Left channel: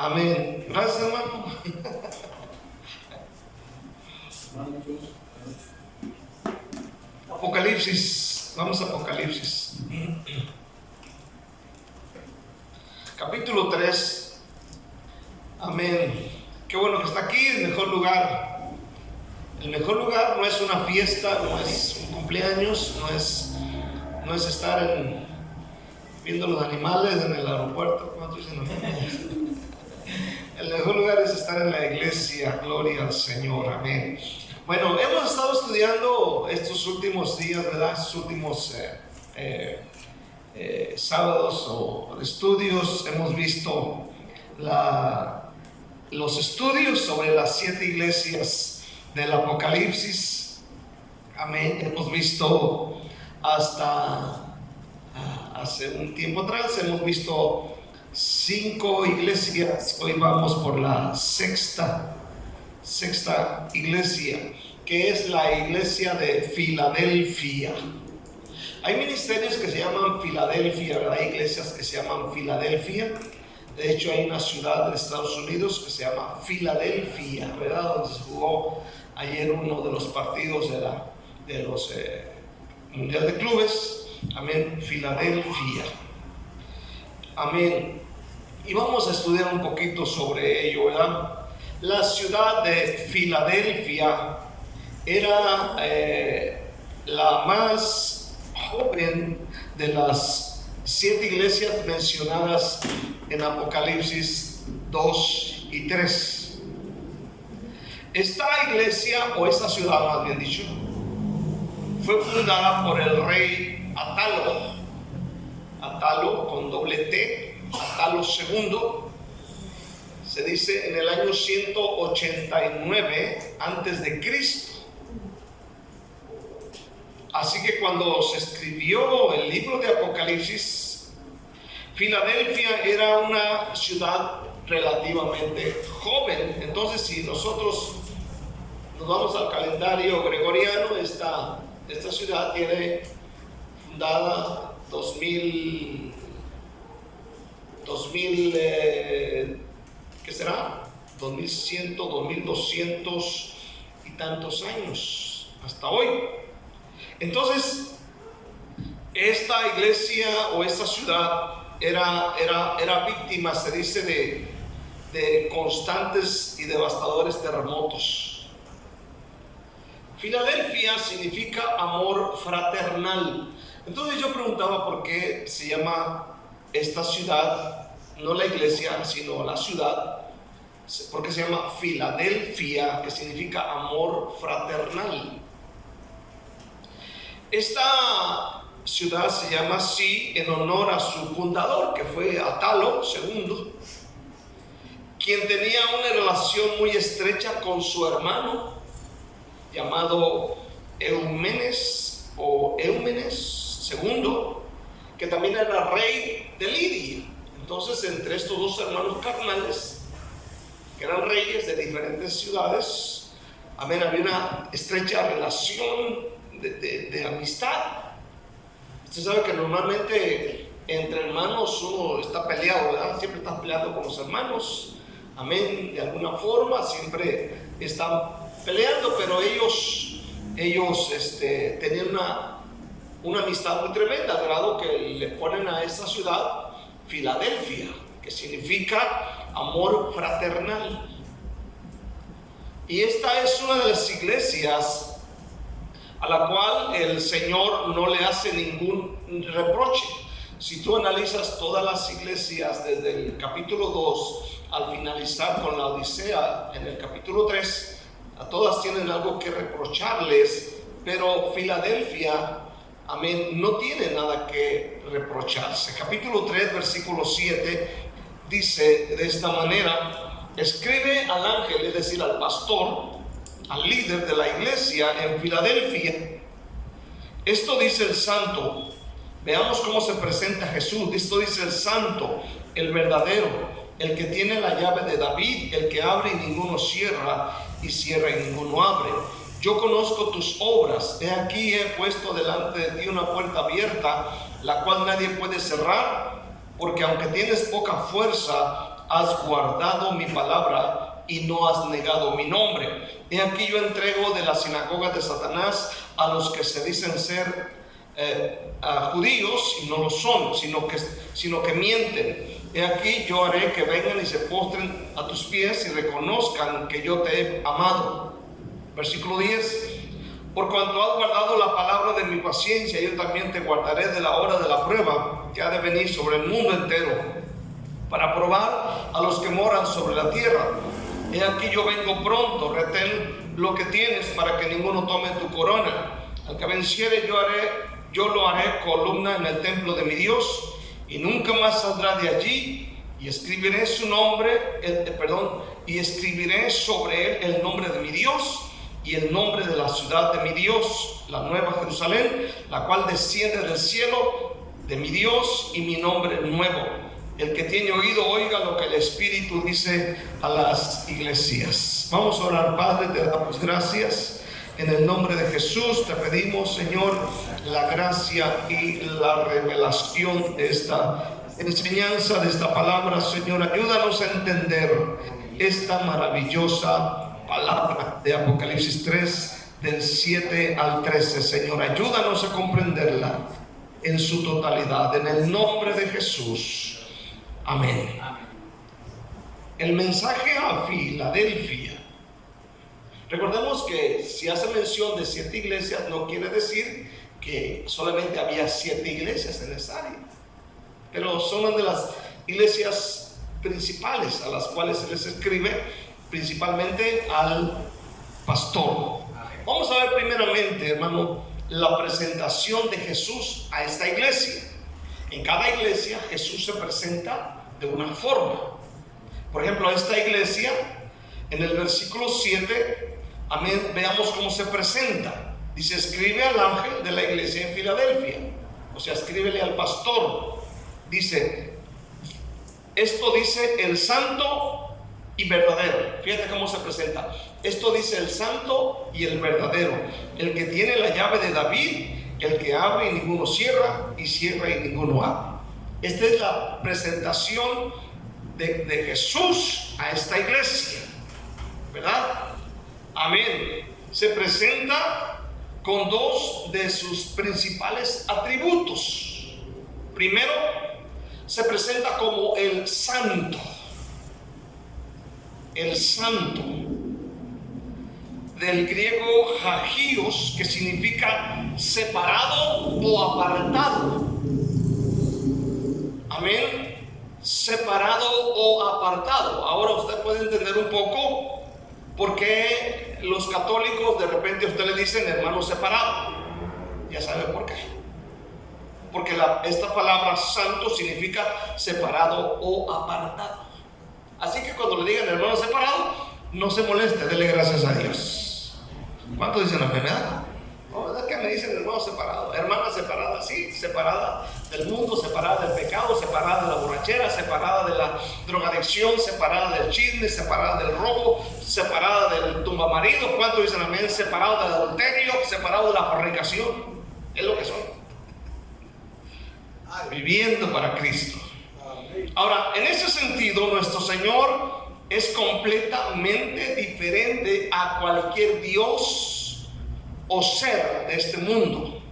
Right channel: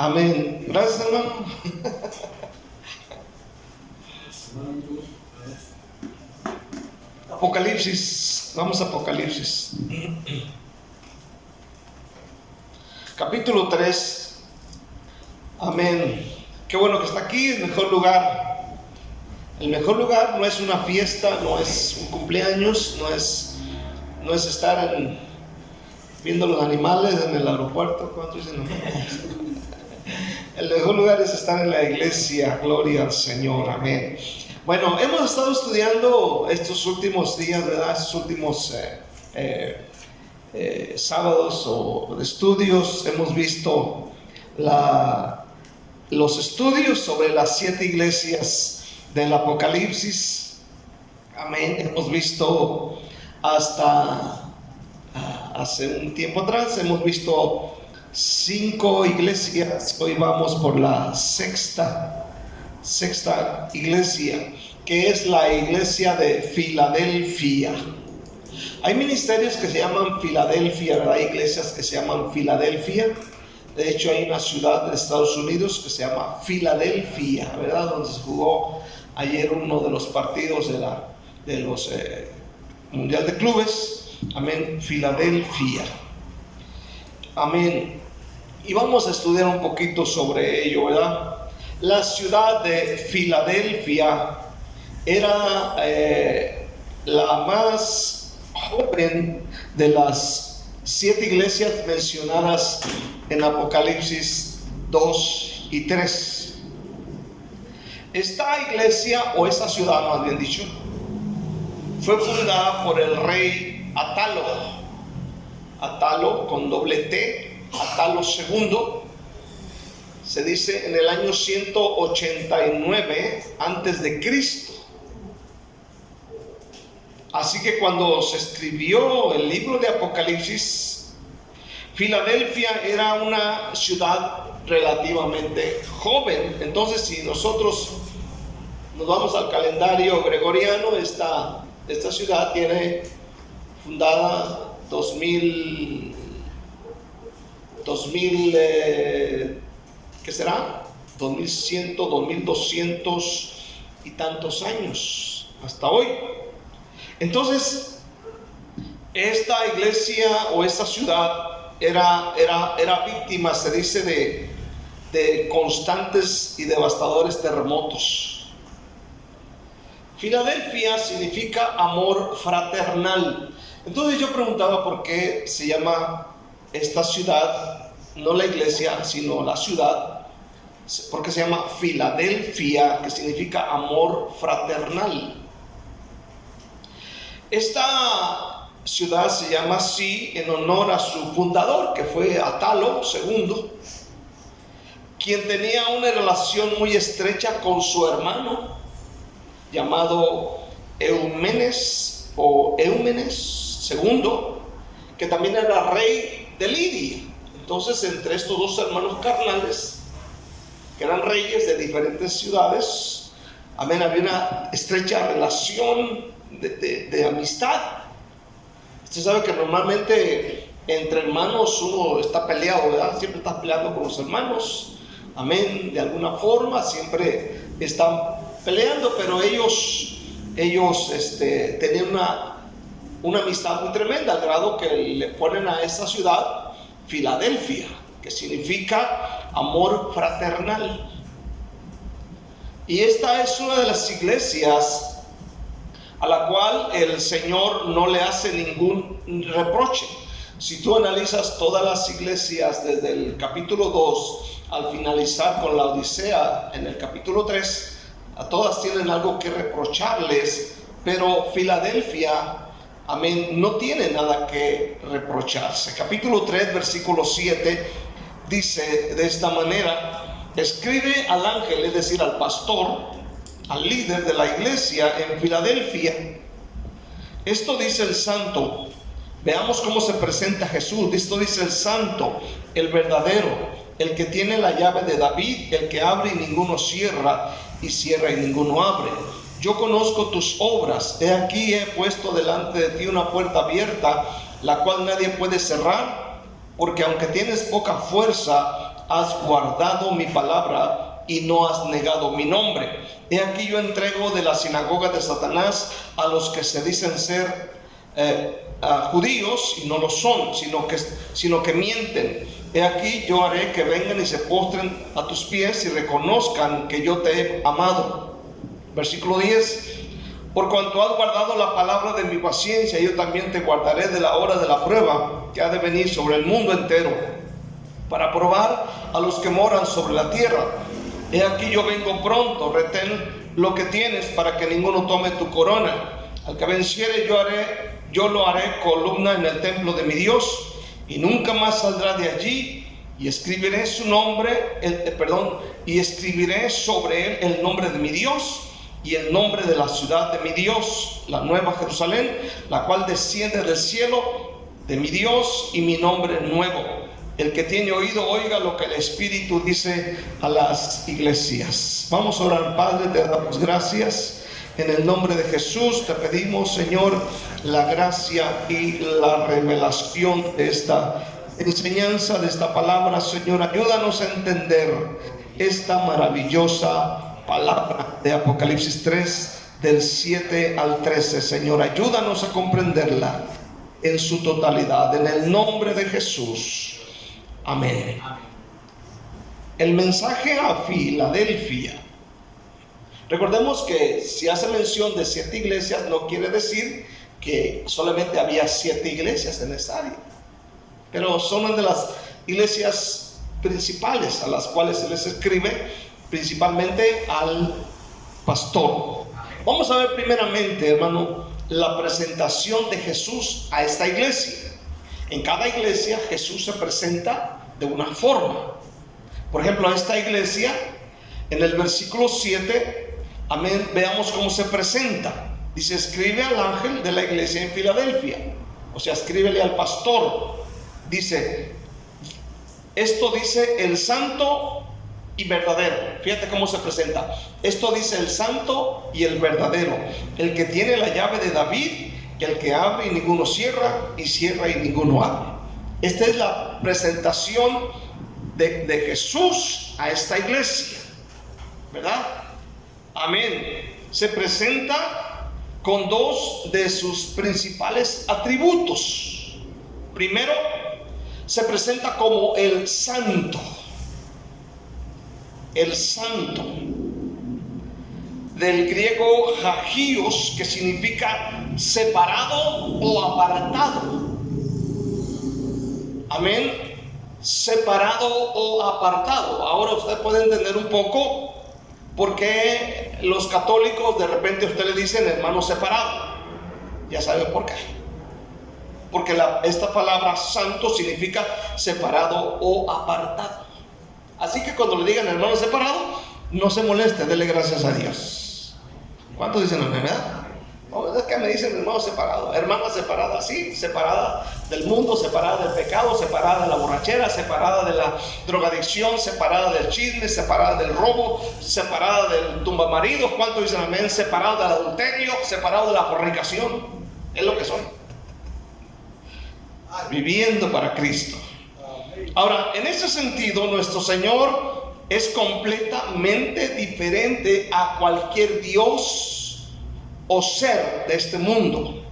Amén. Gracias, hermano. Apocalipsis, vamos a Apocalipsis. Capítulo 3. Amén. Qué bueno que está aquí, el mejor lugar. El mejor lugar no es una fiesta, no es un cumpleaños, no es estar viendo los animales en el aeropuerto. ¿Cuántos dicen no? El mejor lugar es estar en la iglesia. Gloria al Señor. Amén. Bueno, hemos estado estudiando estos últimos días, ¿verdad? Estos últimos sábados o de estudios. Hemos visto los estudios sobre las 7 iglesias del Apocalipsis. Amén. Hemos visto hasta hace un tiempo atrás, hemos visto 5 iglesias. Hoy vamos por la sexta iglesia, que es la iglesia de Filadelfia. Hay ministerios que se llaman Filadelfia, ¿verdad? Hay iglesias que se llaman Filadelfia. De hecho, hay una ciudad de Estados Unidos que se llama Filadelfia, ¿verdad? Donde se jugó ayer uno de los partidos de los Mundial de Clubes. Amén. Filadelfia. Amén. Y vamos a estudiar un poquito sobre ello, ¿verdad? La ciudad de Filadelfia era la más joven de las 7 iglesias mencionadas en Apocalipsis 2 y 3. Esta iglesia, o esta ciudad más bien dicho, fue fundada por el rey Atalo con doble T, Atalo II. Se dice en el año 189 antes de Cristo. Así que cuando se escribió el libro de Apocalipsis, Filadelfia era una ciudad relativamente joven. Entonces, si nosotros nos vamos al calendario gregoriano, esta ciudad tiene fundada 2000, ¿qué será? 2100, 2200 y tantos años hasta hoy. Entonces, esta iglesia o esta ciudad era víctima, se dice, de constantes y devastadores terremotos. Filadelfia significa amor fraternal. Entonces yo preguntaba por qué se llama esta ciudad, no la iglesia, sino la ciudad, porque se llama Filadelfia, que significa amor fraternal. Esta ciudad se llama así en honor a su fundador, que fue Atalo II, quien tenía una relación muy estrecha con su hermano llamado Eumenes II, que también era rey de Lidia. Entonces, entre estos dos hermanos carnales, que eran reyes de diferentes ciudades, amén, había una estrecha relación de amistad. Usted sabe que normalmente entre hermanos uno está peleado, ¿verdad? Siempre está peleando con los hermanos, amén, de alguna forma, siempre están peleando, pero ellos tenían una amistad muy tremenda, al grado que le ponen a esta ciudad Filadelfia, que significa amor fraternal. Y esta es una de las iglesias a la cual el Señor no le hace ningún reproche. Si tú analizas todas las iglesias desde el capítulo 2 al finalizar con la Odisea en el capítulo 3, a todas tienen algo que reprocharles, pero Filadelfia, amén, no tiene nada que reprocharse. Capítulo 3, versículo 7 dice de esta manera: escribe al ángel, es decir, al pastor, al líder de la iglesia en Filadelfia, esto dice el santo. Veamos cómo se presenta Jesús. Esto dice el santo, el verdadero, el que tiene la llave de David, el que abre y ninguno cierra, y cierra y ninguno abre. Yo conozco tus obras. He aquí he puesto delante de ti una puerta abierta, la cual nadie puede cerrar, porque aunque tienes poca fuerza, has guardado mi palabra y no has negado mi nombre. He aquí yo entrego de la sinagoga de Satanás a los que se dicen ser judíos y no lo son, sino que mienten. He aquí yo haré que vengan y se postren a tus pies y reconozcan que yo te he amado. Versículo 10. Por cuanto has guardado la palabra de mi paciencia, yo también te guardaré de la hora de la prueba que ha de venir sobre el mundo entero, para probar a los que moran sobre la tierra. He aquí yo vengo pronto, retén lo que tienes para que ninguno tome tu corona. Al que venciere yo lo haré columna en el templo de mi Dios, y nunca más saldrá de allí, y escribiré su nombre, y escribiré sobre él el nombre de mi Dios y el nombre de la ciudad de mi Dios, la nueva Jerusalén, la cual desciende del cielo de mi Dios, y mi nombre nuevo. El que tiene oído, oiga lo que el Espíritu dice a las iglesias. Vamos a orar. Padre, te damos gracias. En el nombre de Jesús te pedimos, Señor, la gracia y la revelación de esta enseñanza, de esta palabra. Señor, ayúdanos a entender esta maravillosa palabra de Apocalipsis 3, del 7 al 13. Señor, ayúdanos a comprenderla en su totalidad. En el nombre de Jesús. Amén. El mensaje a Filadelfia. Recordemos que si hace mención de 7 iglesias, no quiere decir que solamente había 7 iglesias en esa área, pero son una de las iglesias principales a las cuales se les escribe, principalmente al pastor. Vamos a ver primeramente, hermano, la presentación de Jesús a esta iglesia. En cada iglesia Jesús se presenta de una forma. Por ejemplo, a esta iglesia, en el versículo 7, amén, veamos cómo se presenta. Dice: escribe al ángel de la iglesia en Filadelfia. O sea, escríbele al pastor. Dice, esto dice el santo y verdadero. Fíjate cómo se presenta. Esto dice el santo y el verdadero, el que tiene la llave de David, el que abre y ninguno cierra, y cierra y ninguno abre. Esta es la presentación de Jesús a esta iglesia, ¿verdad? Amén. Se presenta con 2 de sus principales atributos. Primero, se presenta como el santo. El santo, del griego hagios, que significa separado o apartado. Amén. Separado o apartado. Ahora usted puede entender un poco por qué los católicos de repente a usted le dicen hermano separado. Ya sabe por qué. Porque esta palabra santo significa separado o apartado. Así que cuando le digan hermano separado, no se moleste, dele gracias a Dios. ¿Cuántos dicen amén, verdad? No, es que me dicen hermano separado, hermana separada, sí, separada del mundo, separada del pecado, separada de la borrachera, separada de la drogadicción, separada del chisme, separada del robo, separada del tumbamarido. ¿Cuántos dicen amén? Separado del adulterio, separado de la fornicación. Es lo que son. Viviendo para Cristo. Ahora, en ese sentido, nuestro Señor es completamente diferente a cualquier Dios o ser de este mundo,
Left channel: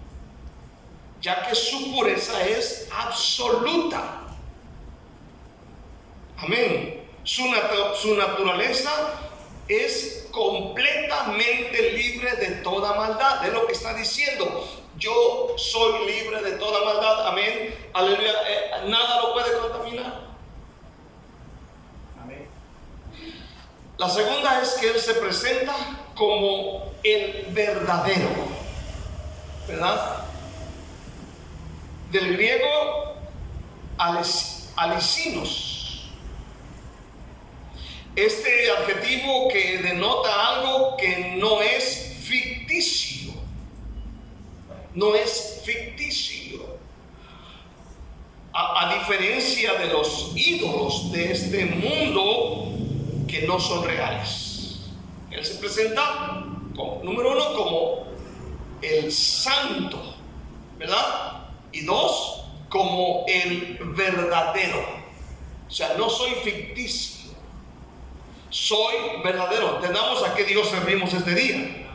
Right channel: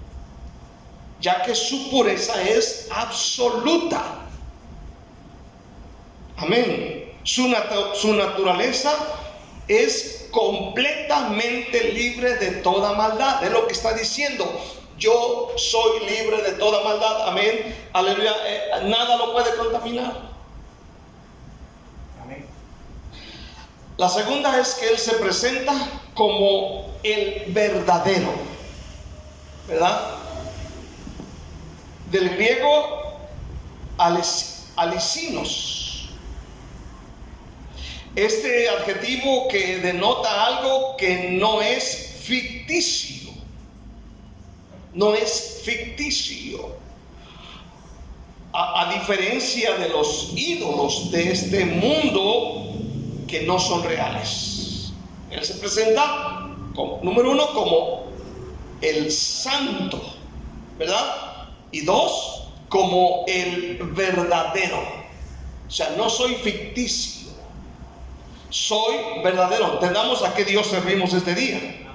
ya que su pureza es absoluta. Amén. Su naturaleza es completamente libre de toda maldad. Es lo que está diciendo. Yo soy libre de toda maldad. Amén. Aleluya. Nada lo puede contaminar. Amén. La segunda es que Él se presenta como el verdadero, ¿verdad? Del griego alicinos. Este adjetivo que denota algo que no es ficticio. No es ficticio. A diferencia de los ídolos de este mundo que no son reales. Él se presenta como, número 1, como el santo, ¿verdad? Y 2, como el verdadero. O sea, no soy ficticio, soy verdadero. Entendamos a qué Dios servimos este día.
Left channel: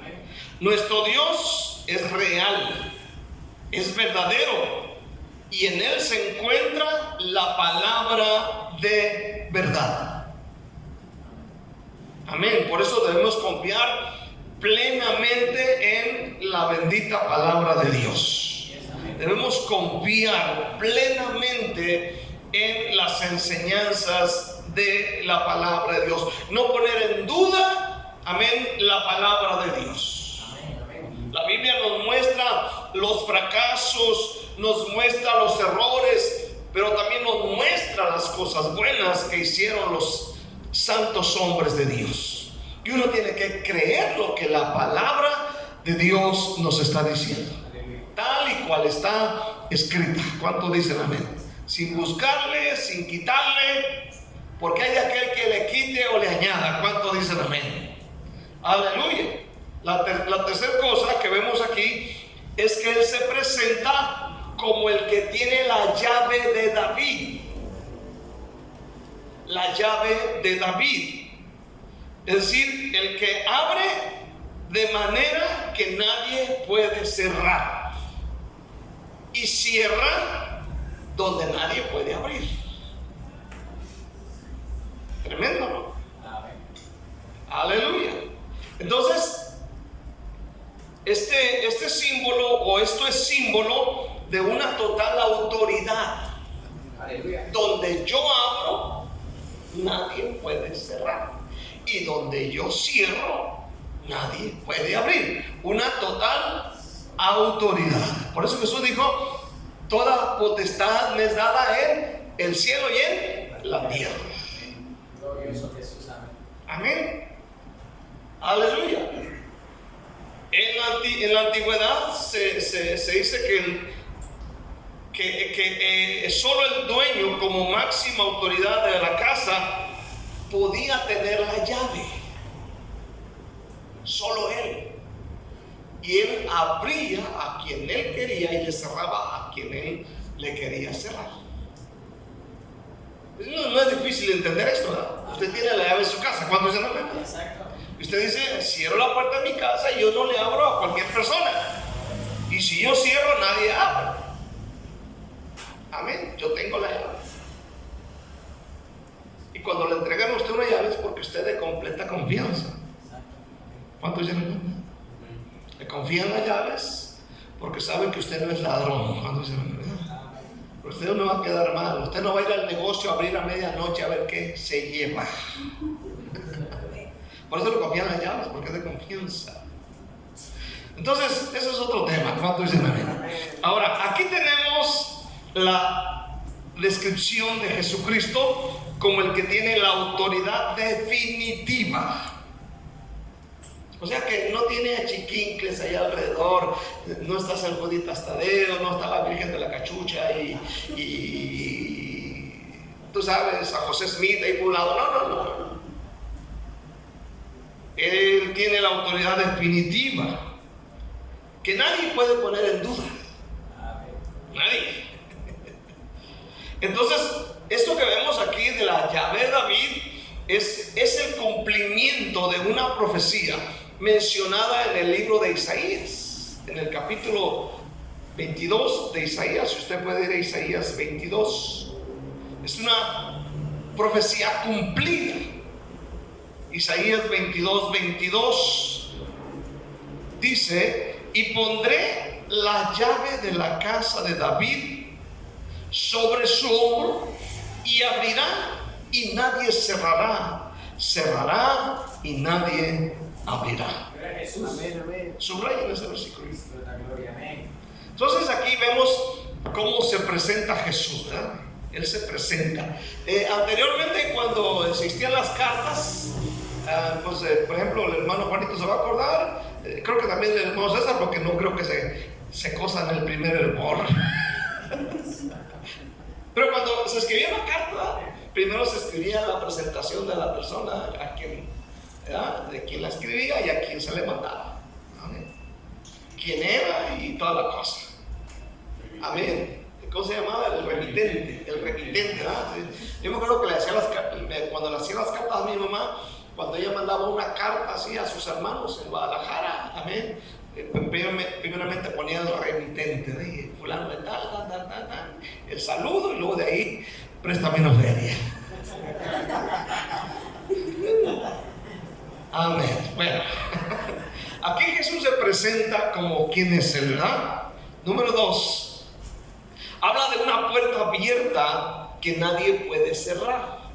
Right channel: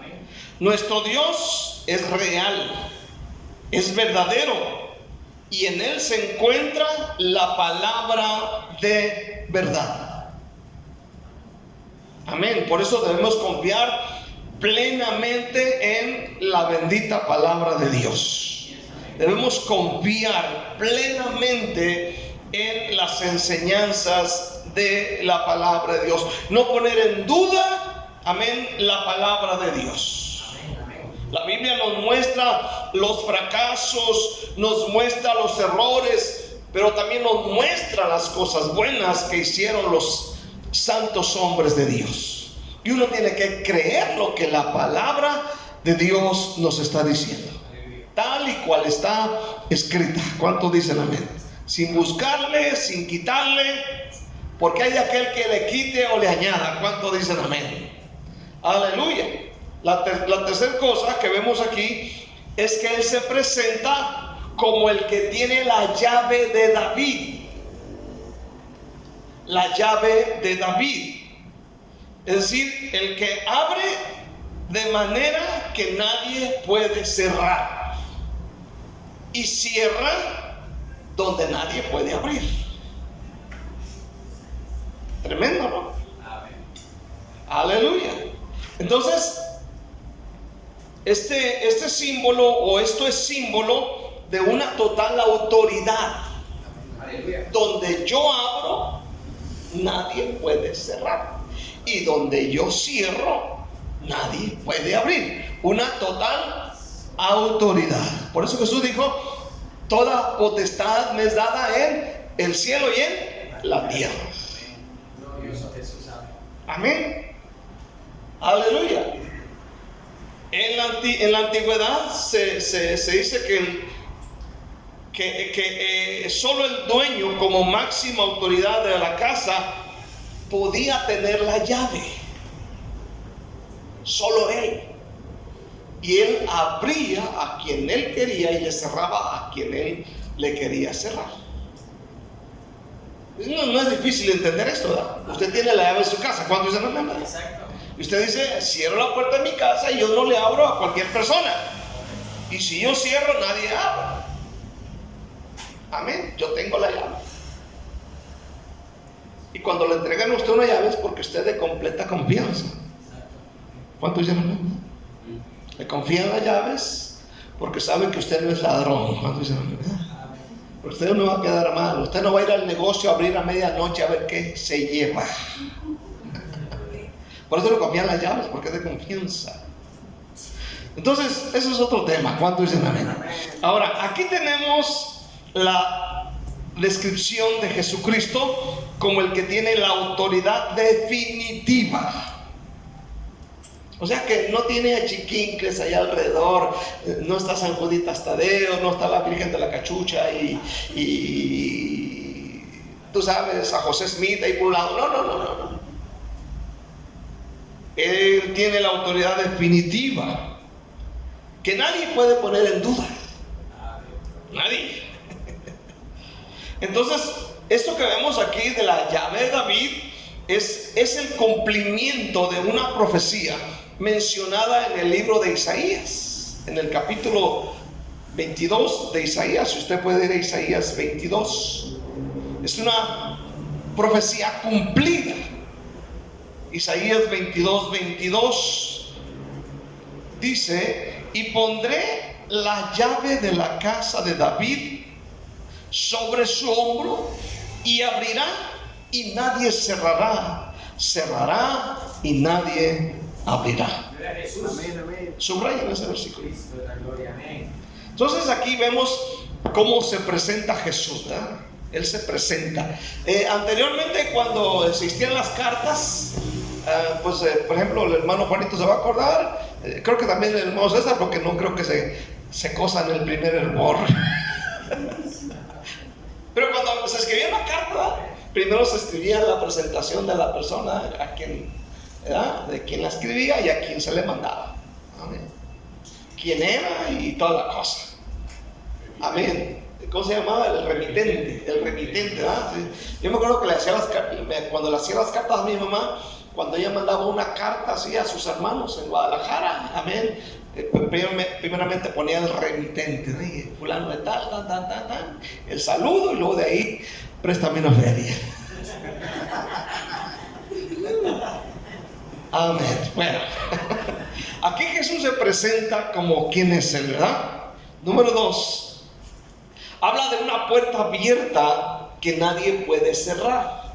Nuestro Dios es real, es verdadero, y en Él se encuentra la palabra de verdad. Amén. Por eso debemos confiar plenamente en la bendita palabra de Dios. Debemos confiar plenamente en las enseñanzas de la palabra de Dios. No poner en duda, amén, la palabra de Dios. La Biblia nos muestra los fracasos, nos muestra los errores, pero también nos muestra las cosas buenas que hicieron los santos hombres de Dios. Y uno tiene que creer lo que la palabra de Dios nos está diciendo, tal y cual está escrita. ¿Cuánto dicen amén? Sin buscarle, sin quitarle, porque hay de aquel que le quite o le añada. ¿Cuánto dicen amén? Aleluya. La tercera cosa que vemos aquí es que Él se presenta como el que tiene la llave de David. La llave de David. Es decir, el que abre de manera que nadie puede cerrar, y cierra donde nadie puede abrir. Tremendo, ¿no? Amén. Aleluya. Entonces, este símbolo, o esto es símbolo de una total autoridad. Aleluya. Donde yo abro, nadie puede cerrar, y donde yo cierro, nadie puede abrir. Una total autoridad. Por eso Jesús dijo: toda potestad me es dada en el cielo y en la tierra. Glorioso Jesús. Amén. Aleluya. En la antigüedad se dice que solo el dueño, como máxima autoridad de la casa, podía tener la llave. Solo él. Y él abría a quien él quería y le cerraba a quien él le quería cerrar. No es difícil entender esto, ¿verdad? Usted tiene la llave de su casa. ¿Cuándo dice no? Exacto. Y usted dice: cierro la puerta de mi casa y yo no le abro a cualquier persona. Y si yo cierro, nadie abre. Amén. Yo tengo la llave. Y cuando le entregan a usted una llave es porque usted es de completa confianza. ¿Cuántos dicen amén? Le confían las llaves porque saben que usted no es ladrón. ¿Cuántos dicen amén? Pero usted no va a quedar mal. Usted no va a ir al negocio a abrir a medianoche a ver qué se lleva. Por eso le confían las llaves, porque es de confianza. Entonces, eso es otro tema. ¿Cuántos dicen amén? Ahora, aquí tenemos la descripción de Jesucristo como el que tiene la autoridad definitiva. O sea que no tiene achiquincles allá alrededor. No está San Juditas Tadeo, no está la Virgen de la Cachucha y tú sabes, a José Smith ahí por un lado. No. Él tiene la autoridad definitiva que nadie puede poner en duda. Nadie. Entonces, esto que vemos aquí de la llave de David es el cumplimiento de una profecía mencionada en el libro de Isaías, en el capítulo 22 de Isaías. Si usted puede ir a Isaías 22, es una profecía cumplida. Isaías 22 dice: y pondré la llave de la casa de David sobre su hombro, y abrirá y nadie cerrará, cerrará y nadie abrirá. Subrayen ese versículo. Entonces aquí vemos cómo se presenta Jesús, ¿verdad? Él se presenta. Anteriormente, cuando existían las cartas, por ejemplo, el hermano Juanito se va a acordar, creo que también el hermano César, porque no creo que se cosan el primer hervor. Pero cuando se escribía una carta, primero se escribía la presentación de la persona a quien, ¿verdad?, de quien la escribía y a quien se le mandaba. Amén. Quién era y toda la cosa. Amén. ¿cómo se llamaba? El remitente, ¿verdad? Yo me acuerdo que cuando le hacía las cartas a mi mamá, cuando ella mandaba una carta así a sus hermanos en Guadalajara, amén, primeramente ponía el remitente, fulano de tal, el saludo, y luego de ahí, préstame una feria. Amén. Bueno, aquí Jesús se presenta como quien es Él, ¿verdad? Número 2, habla de una puerta abierta que nadie puede cerrar.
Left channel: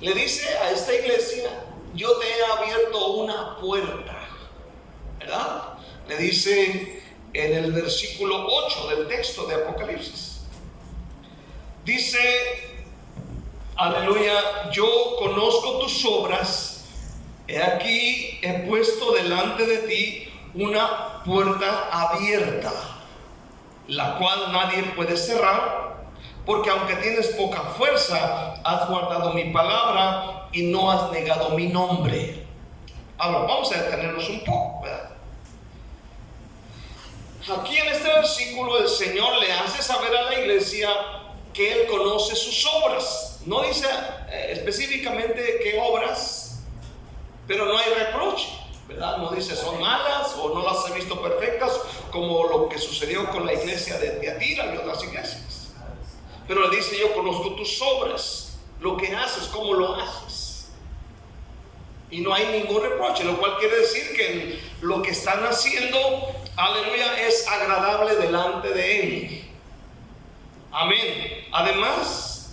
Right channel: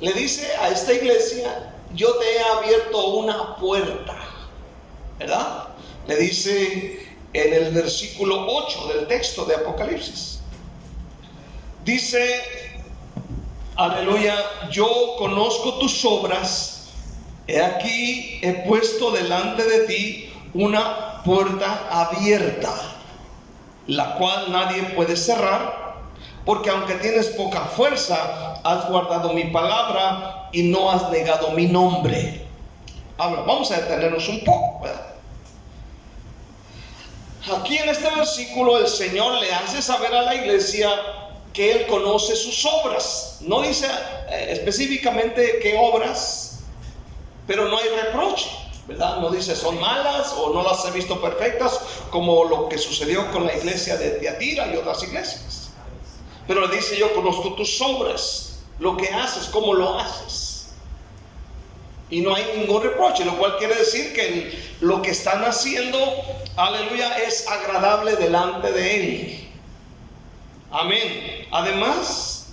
Le dice a esta iglesia: yo te he abierto una puerta, ¿verdad? Le dice en el versículo 8 del texto de Apocalipsis. Dice, aleluya, yo conozco tus obras, he aquí he puesto delante de ti una puerta abierta, la cual nadie puede cerrar, porque aunque tienes poca fuerza, has guardado mi palabra y no has negado mi nombre. Ahora vamos a detenernos un poco, ¿verdad? Aquí en este versículo el Señor le hace saber a la iglesia que Él conoce sus obras. No dice específicamente qué obras, pero no hay reproche, ¿verdad? No dice son malas o no las he visto perfectas, como lo que sucedió con la iglesia de Tiatira y otras iglesias. Pero le dice: yo conozco tus obras, lo que haces, cómo lo haces, y no hay ningún reproche, lo cual quiere decir que lo que están haciendo, aleluya, es agradable delante de Él. Amén. Además,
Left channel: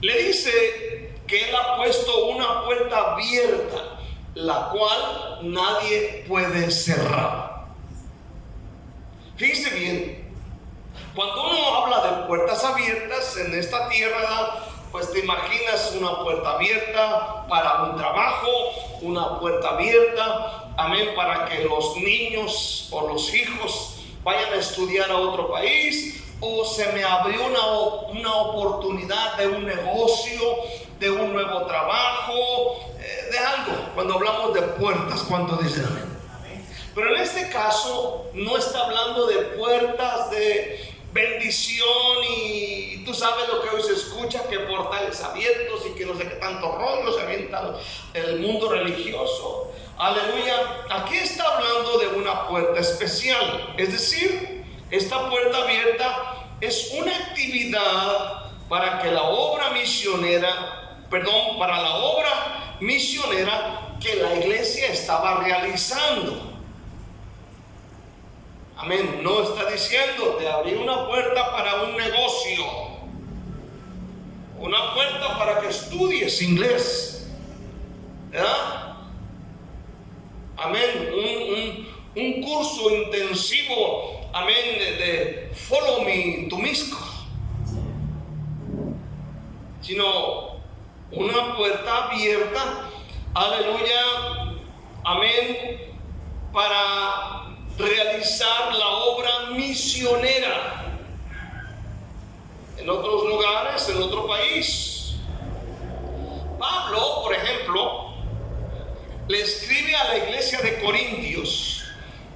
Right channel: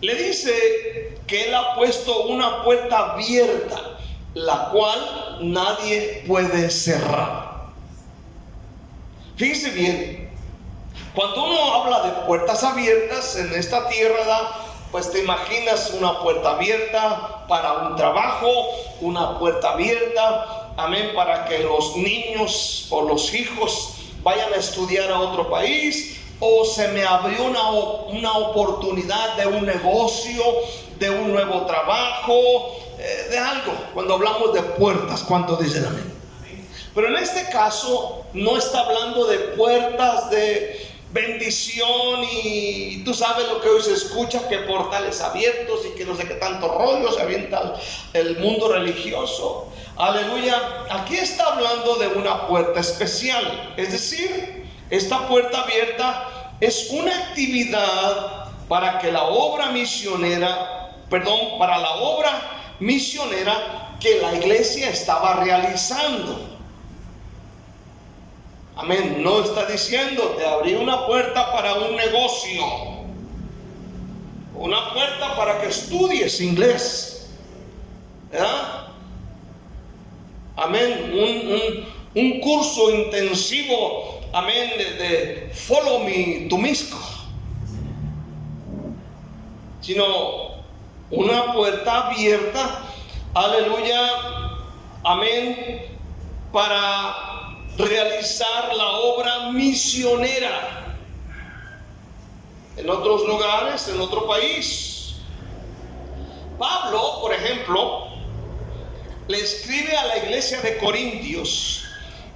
le dice que Él ha puesto una puerta abierta, la cual nadie puede cerrar. Fíjese bien, cuando uno habla de puertas abiertas en esta tierra, pues te imaginas una puerta abierta para un trabajo, una puerta abierta, amén, para que los niños o los hijos vayan a estudiar a otro país, o se me abrió una oportunidad de un negocio, de un nuevo trabajo, de algo. Cuando hablamos de puertas, ¿cuántos dicen amén? Pero en este caso no está hablando de puertas de bendición y tú sabes lo que hoy se escucha, que portales abiertos y que no sé qué tanto rollo se avienta el mundo religioso. Aleluya. Aquí está hablando de una puerta especial, es decir, esta puerta abierta es una actividad para que la obra misionera, para la obra misionera que la iglesia estaba realizando. Amén. No está diciendo te abrí una puerta para un negocio, una puerta para que estudies inglés, ¿verdad? Amén. Un curso intensivo, amén, de follow me to Misco, sino una puerta abierta, aleluya, amén, para realizar la obra misionera en otros lugares, en otro país. Pablo, por ejemplo, le escribe a la iglesia de Corintios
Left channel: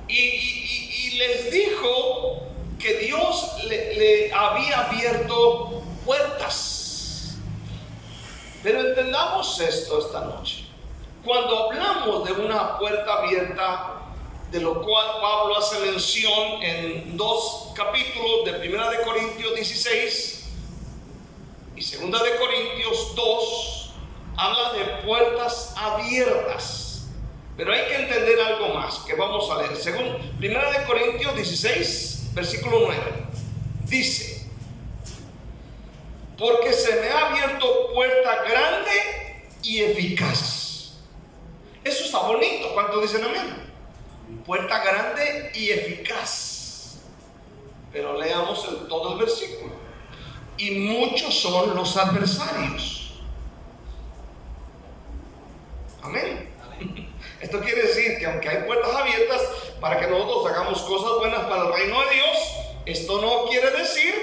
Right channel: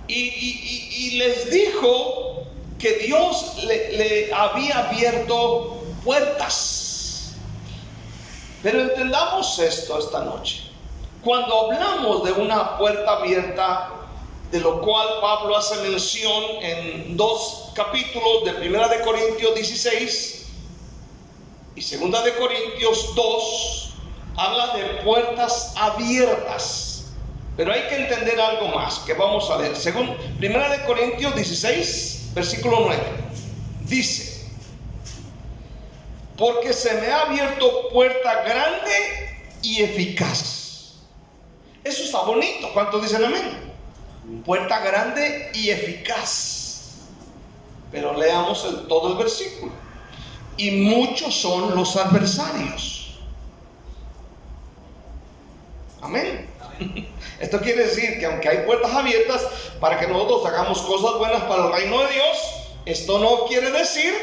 y les dijo que Dios le había abierto puertas. Pero entendamos esto esta noche. Cuando hablamos de una puerta abierta, de lo cual Pablo hace mención en 2 capítulos de 1 de Corintios 16 y 2 de Corintios 2, habla de puertas abiertas. Pero hay que entender algo más que vamos a leer. Según 1 de Corintios 16, versículo 9, dice: porque se me ha abierto puerta grande y eficaz. Eso está bonito. ¿Cuántos dicen amén? Puerta grande y eficaz. Pero leamos todo el versículo. Y muchos son los adversarios. Amén. Esto quiere decir que aunque hay puertas abiertas para que nosotros hagamos cosas buenas para el reino de Dios, esto no quiere decir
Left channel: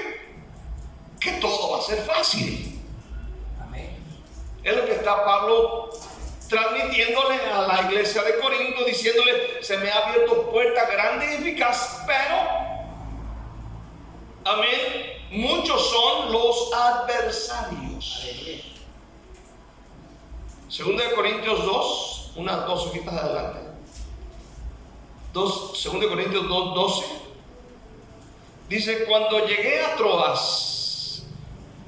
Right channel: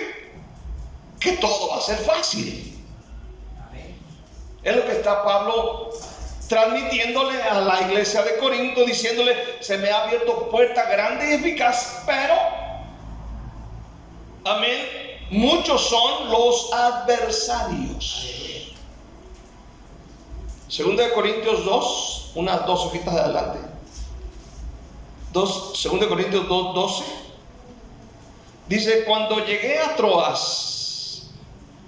que todo va a ser fácil. Amén. Es lo que está Pablo transmitiéndole a la iglesia de Corinto, diciéndole: se me ha abierto puerta grande y eficaz, pero Amén. Muchos son los adversarios. Segunda de Corintios 2, unas dos hojitas de adelante. Segunda de Corintios 2, 12. Dice: cuando llegué a Troas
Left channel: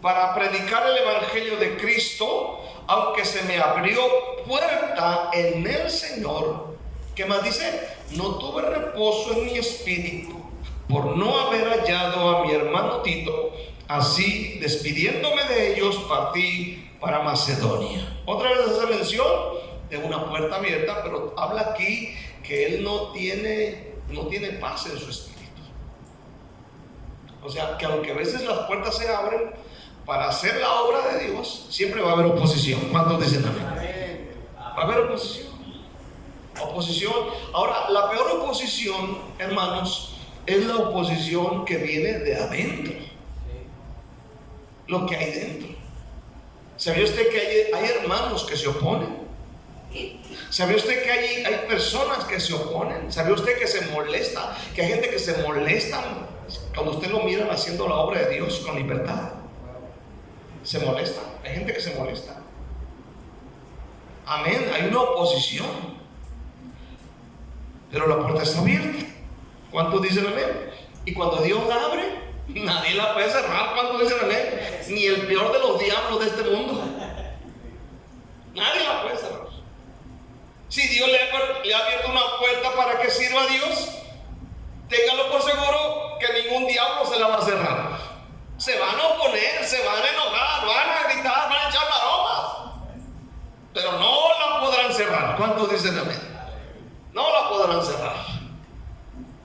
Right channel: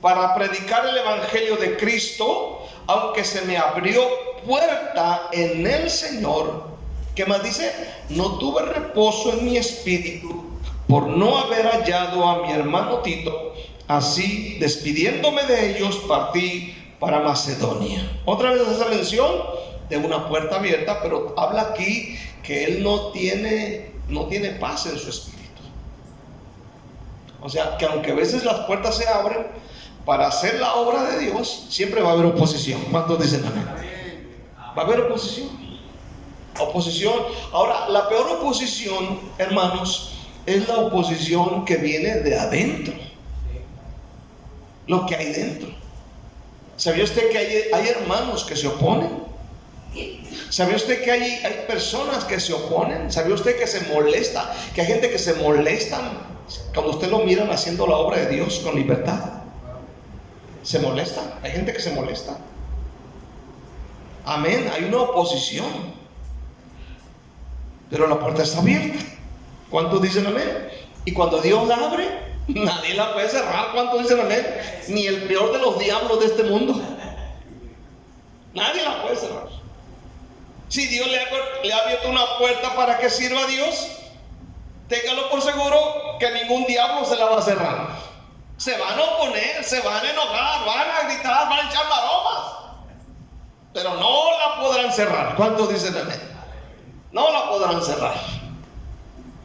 para predicar el evangelio de Cristo, aunque se me abrió puerta en el Señor, ¿qué más dice? No tuve reposo en mi espíritu por no haber hallado a mi hermano Tito. Así, despidiéndome de ellos, partí para Macedonia. Otra vez hace mención de una puerta abierta, pero habla aquí que él no tiene paz en su espíritu. O sea, que aunque a veces las puertas se abren para hacer la obra de Dios, siempre va a haber oposición. ¿Cuántos dicen amén? Va a haber oposición. Ahora, la peor oposición, hermanos, es la oposición que viene de adentro. Lo que hay dentro. ¿Sabía usted que hay hermanos que se oponen? ¿Sabía usted que hay personas que se oponen? ¿Sabía usted que se molesta? Que hay gente que se molesta cuando usted lo miran haciendo la obra de Dios con libertad. Se molesta. Hay gente que se molesta. Amén. Hay una oposición. Pero la puerta está abierta. ¿Cuántos dicen amén? Y cuando Dios la abre, nadie la puede cerrar. ¿Cuántos dicen amén? Ni el peor de los diablos de este mundo. Nadie la puede cerrar. Si Dios le ha abierto una puerta para que sirva a Dios, téngalo por seguro que ningún diablo se la va a cerrar. Se van a oponer, se van a enojar, van a gritar, van a echar maromas, pero no la podrán cerrar. ¿Cuántos dicen amén? No la podrán cerrar.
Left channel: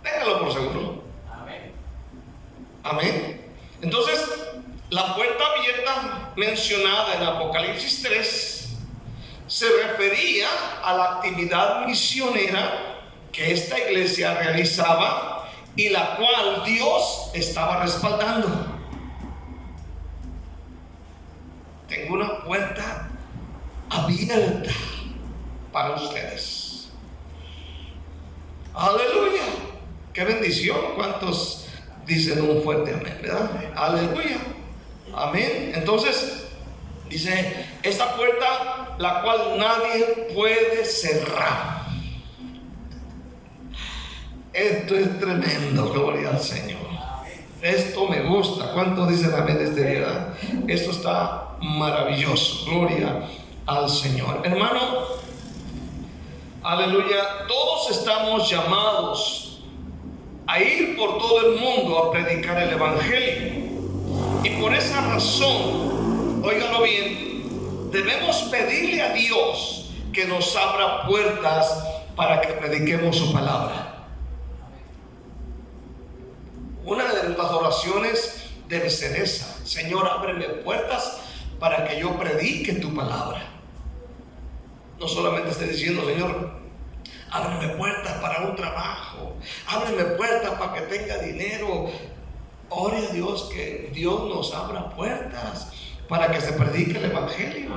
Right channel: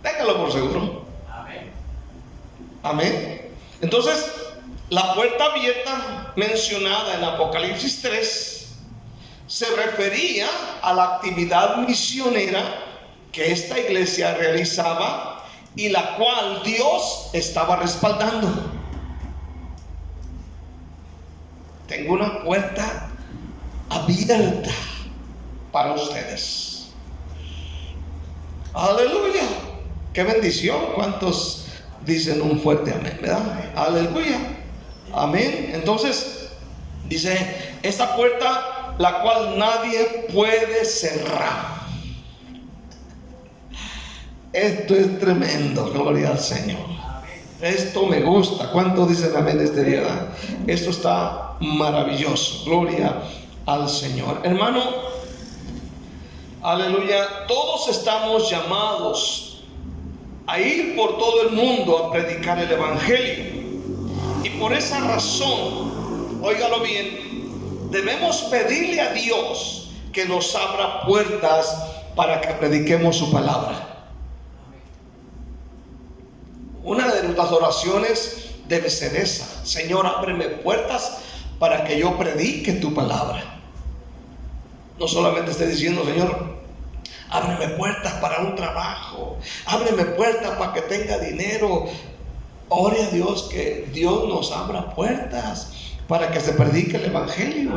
Téngalo por seguro. Amén. Entonces, la puerta abierta mencionada en Apocalipsis 3 se refería a la actividad misionera que esta iglesia realizaba y la cual Dios estaba respaldando. Tengo una puerta abierta para ustedes. Aleluya. Qué bendición. ¿Cuántos dicen un fuerte amén? ¿Verdad? Aleluya. Amén. Entonces, dice, esta puerta la cual nadie puede cerrar. Esto es tremendo, gloria al Señor. Esto me gusta. ¿Cuántos dicen amén este día? Esto está maravilloso, gloria al Señor. Hermano, aleluya, todos estamos llamados a ir por todo el mundo a predicar el evangelio. Y por esa razón, óigalo bien, debemos pedirle a Dios que nos abra puertas para que prediquemos su palabra. Una de nuestras oraciones debe ser esa: Señor, ábreme puertas para que yo predique tu palabra. No solamente esté diciendo, Señor, ábreme puertas para un trabajo, ábreme puertas para que tenga dinero. Ore a Dios que Dios nos abra puertas para que se predique el evangelio.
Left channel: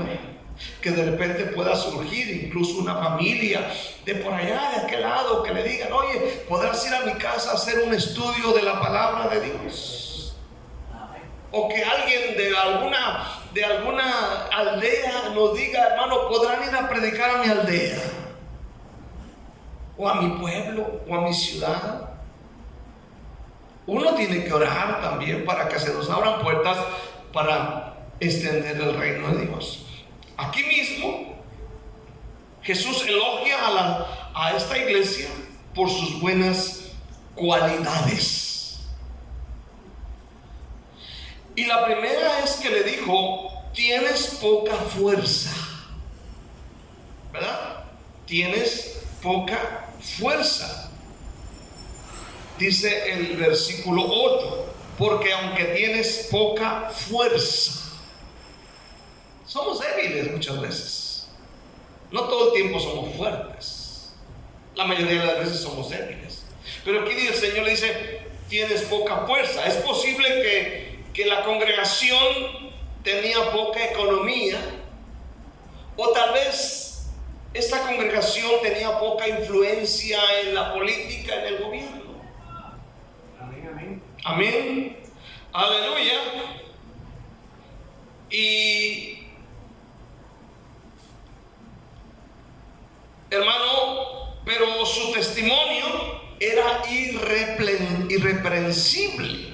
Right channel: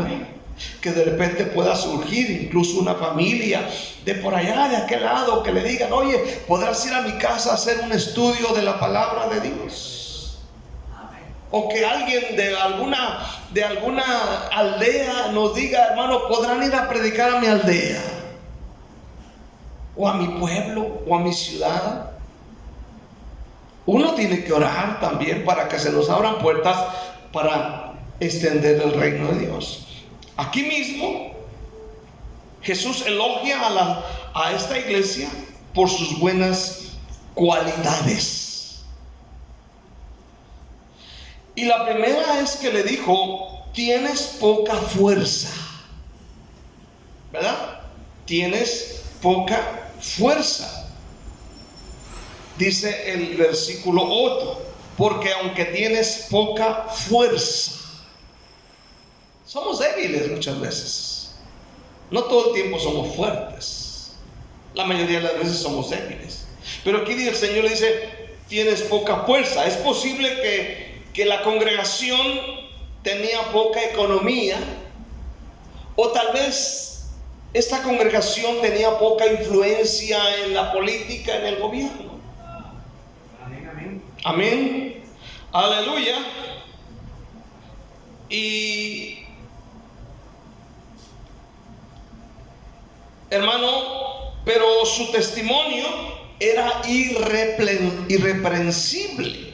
Que de repente pueda surgir incluso una familia de por allá, de aquel lado, que le digan, oye, podrás ir a mi casa a hacer un estudio de la palabra de Dios. O que alguien de alguna aldea nos diga, hermano, podrán ir a predicar a mi aldea, o a mi pueblo, o a mi ciudad. Uno tiene que orar también para que se nos abran puertas para extender el reino de Dios. Aquí mismo Jesús elogia a esta iglesia por sus buenas cualidades. Y la primera es que le dijo, tienes poca fuerza. ¿Verdad? Tienes poca fuerza. Dice el versículo 8, porque aunque tienes poca fuerza. Somos débiles muchas veces. No todo el tiempo somos fuertes. La mayoría de las veces somos débiles. Pero aquí el Señor le dice, tienes poca fuerza. Es posible que la congregación tenía poca economía, o tal vez esta congregación tenía poca influencia en la política, en el gobierno. Amén. Aleluya. Y hermano, pero su testimonio era irreprensible.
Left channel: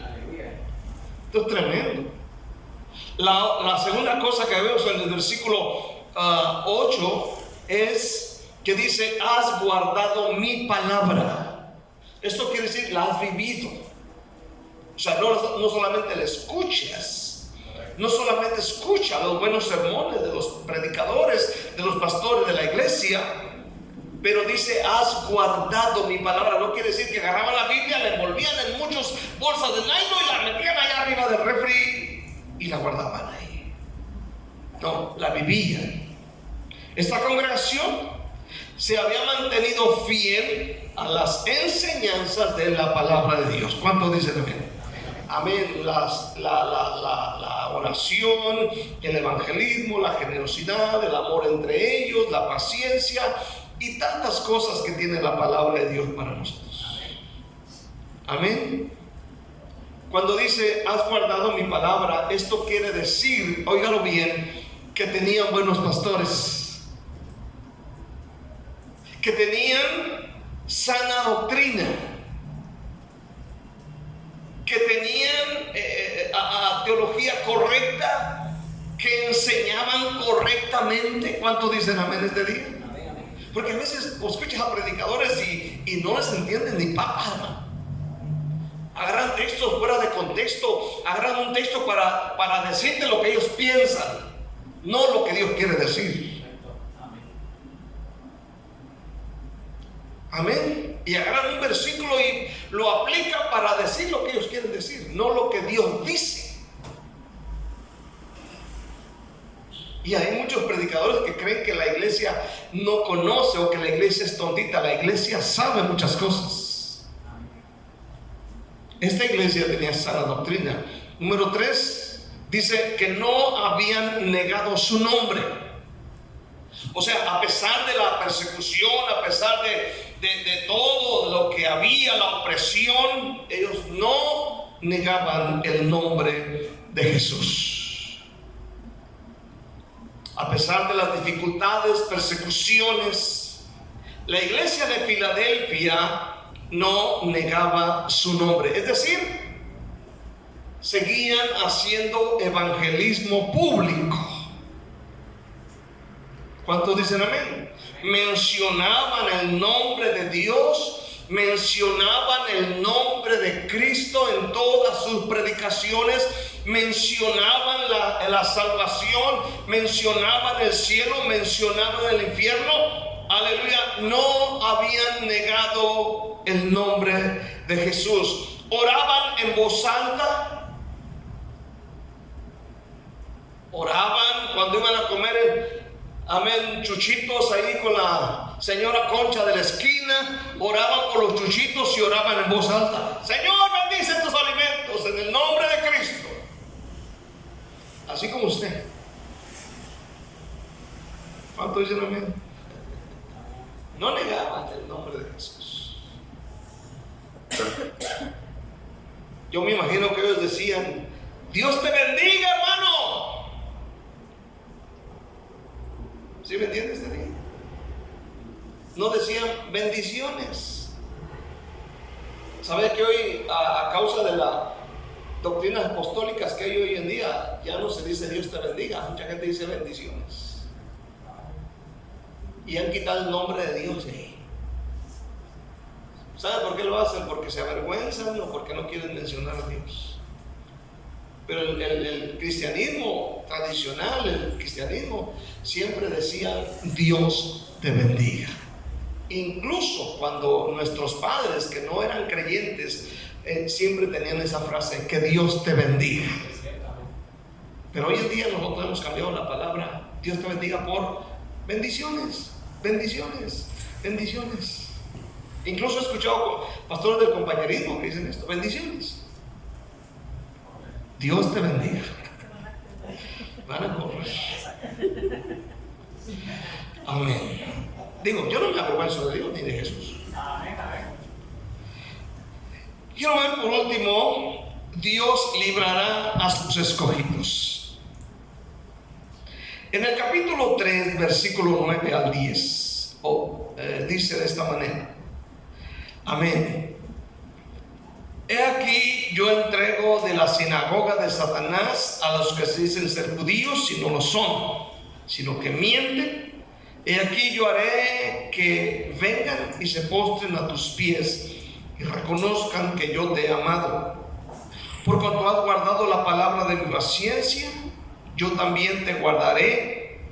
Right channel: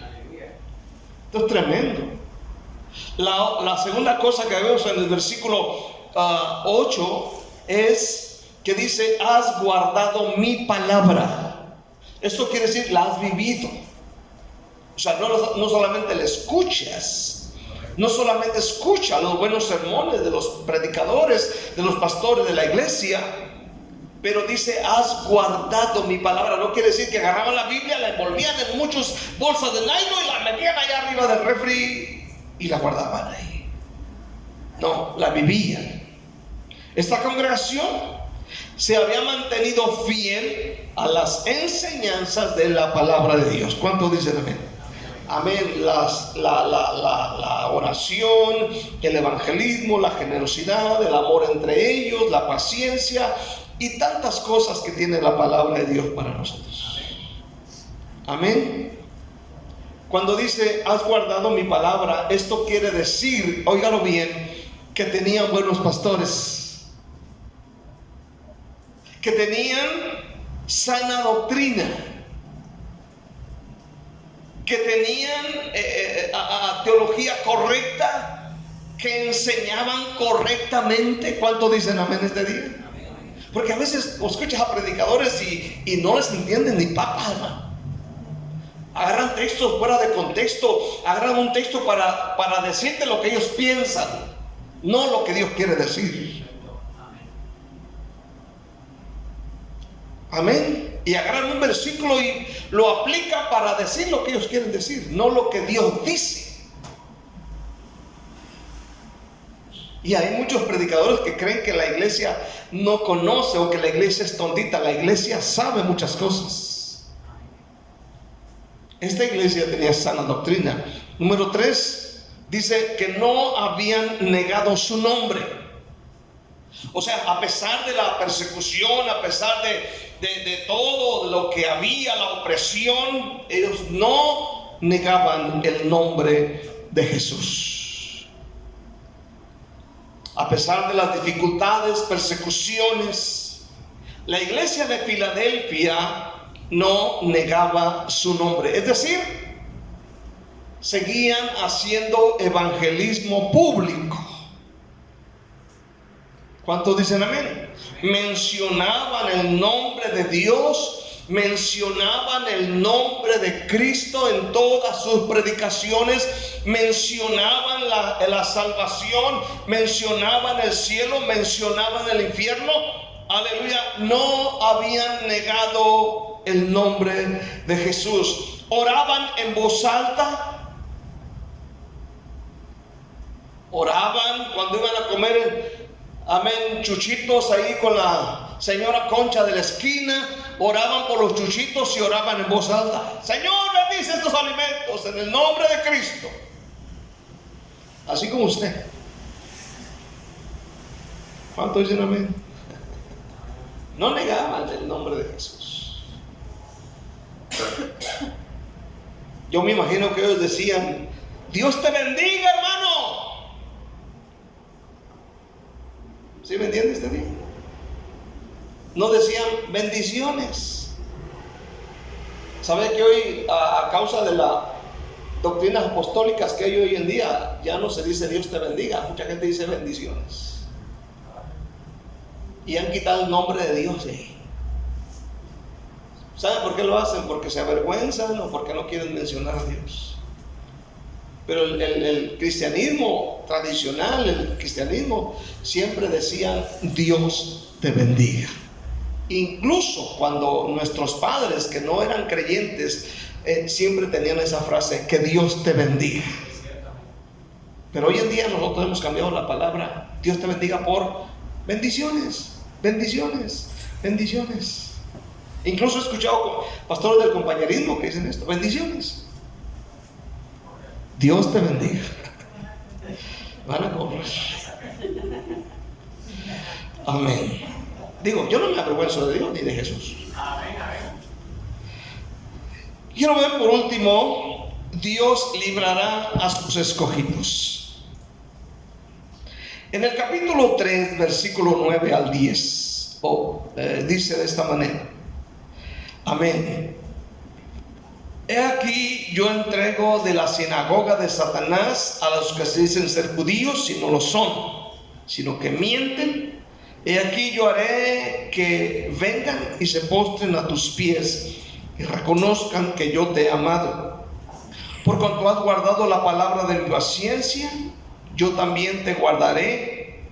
Esto es tremendo. La segunda cosa que vemos en el versículo 8 es que dice: has guardado mi palabra. Esto quiere decir, la has vivido. O sea, no solamente la escuchas, no solamente escucha los buenos sermones de los predicadores, de los pastores de la iglesia, pero dice: has guardado mi palabra. No quiere decir que agarraban la Biblia, la envolvían en muchas bolsas de nylon y la metían allá arriba del refri y la guardaban ahí. No, la vivían. Esta congregación se había mantenido fiel a las enseñanzas de la palabra de Dios. ¿Cuántos dicen amén? Amén. La oración, el evangelismo, la generosidad, el amor entre ellos, la paciencia y tantas cosas que tiene la palabra de Dios para nosotros. Amén. Cuando dice: has guardado mi palabra, esto quiere decir, óigalo bien, que tenían buenos pastores, que tenían sana doctrina, que tenían teología correcta, que enseñaban correctamente. ¿Cuántos dicen amén este día? Porque a veces escuchas a predicadores y no les entienden ni papas, hermano. Agarran textos fuera de contexto, agarran un texto para decirte lo que ellos piensan, no lo que Dios quiere decir. Amén. Y agarran un versículo y lo aplican para decir lo que ellos quieren decir, no lo que Dios dice. Y hay muchos predicadores que creen que la iglesia no conoce o que la iglesia es tontita. La iglesia sabe muchas cosas. Esta iglesia tenía sana doctrina. Número 3, dice que no habían negado su nombre. O sea, a pesar de la persecución, a pesar de todo lo que había, la opresión, ellos no negaban el nombre de Jesús. A pesar de las dificultades, persecuciones, la iglesia de Filadelfia no negaba su nombre. Es decir, seguían haciendo evangelismo público. ¿Cuántos dicen amén? Mencionaban el nombre de Dios, mencionaban el nombre de Cristo en todas sus predicaciones, mencionaban la salvación, mencionaban el cielo, mencionaban el infierno. Aleluya, no habían negado el nombre de Jesús. Oraban en voz alta, oraban cuando iban a comer, amén, chuchitos ahí con la señora Concha de la esquina, oraban por los chuchitos y oraban en voz alta: Señor, bendice estos alimentos en el nombre de Cristo. Así como usted. ¿Cuántos dicen amén? No negaban el nombre de Jesús. Yo me imagino que ellos decían: Dios te bendiga, hermano. ¿Sí me entiendes, Daniel? No decían bendiciones. ¿Sabe que hoy, a causa de las doctrinas apostólicas que hay hoy en día, ya no se dice Dios te bendiga? Mucha gente dice bendiciones. Y han quitado el nombre de Dios de ahí. ¿Sabe por qué lo hacen? Porque se avergüenzan o porque no quieren mencionar a Dios. Pero el cristianismo tradicional, el cristianismo, siempre decían Dios te bendiga. Incluso cuando nuestros padres que no eran creyentes siempre tenían esa frase, que Dios te bendiga. Pero hoy en día nosotros hemos cambiado la palabra Dios te bendiga por bendiciones, bendiciones, bendiciones. Incluso he escuchado pastores del compañerismo que dicen esto: bendiciones, Dios te bendiga. Van a correr. Amén. Digo, yo no me avergüenzo de Dios ni de Jesús. Quiero ver por último Dios librará a sus escogidos. En el capítulo 3, versículo 9 al 10, dice de esta manera: amén. He aquí yo entrego de la sinagoga de Satanás a los que se dicen ser judíos y no lo son, sino que mienten. He aquí yo haré que vengan y se postren a tus pies y reconozcan que yo te he amado. Por cuanto has guardado la palabra de mi paciencia, yo también te guardaré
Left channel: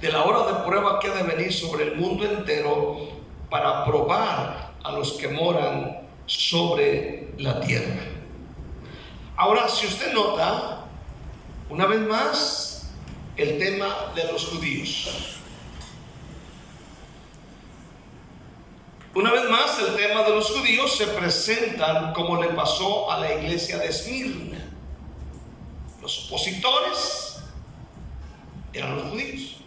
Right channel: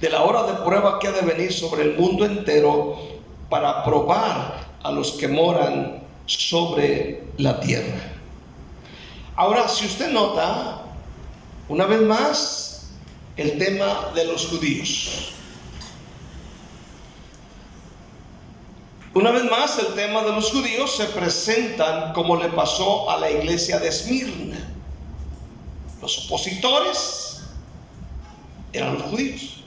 de la hora de prueba que ha de venir sobre el mundo entero, para probar a los que moran sobre la tierra. Ahora, si usted nota, una vez más, el tema de los judíos. Una vez más, el tema de los judíos se presentan como le pasó a la iglesia de Esmirna. Los opositores eran los judíos.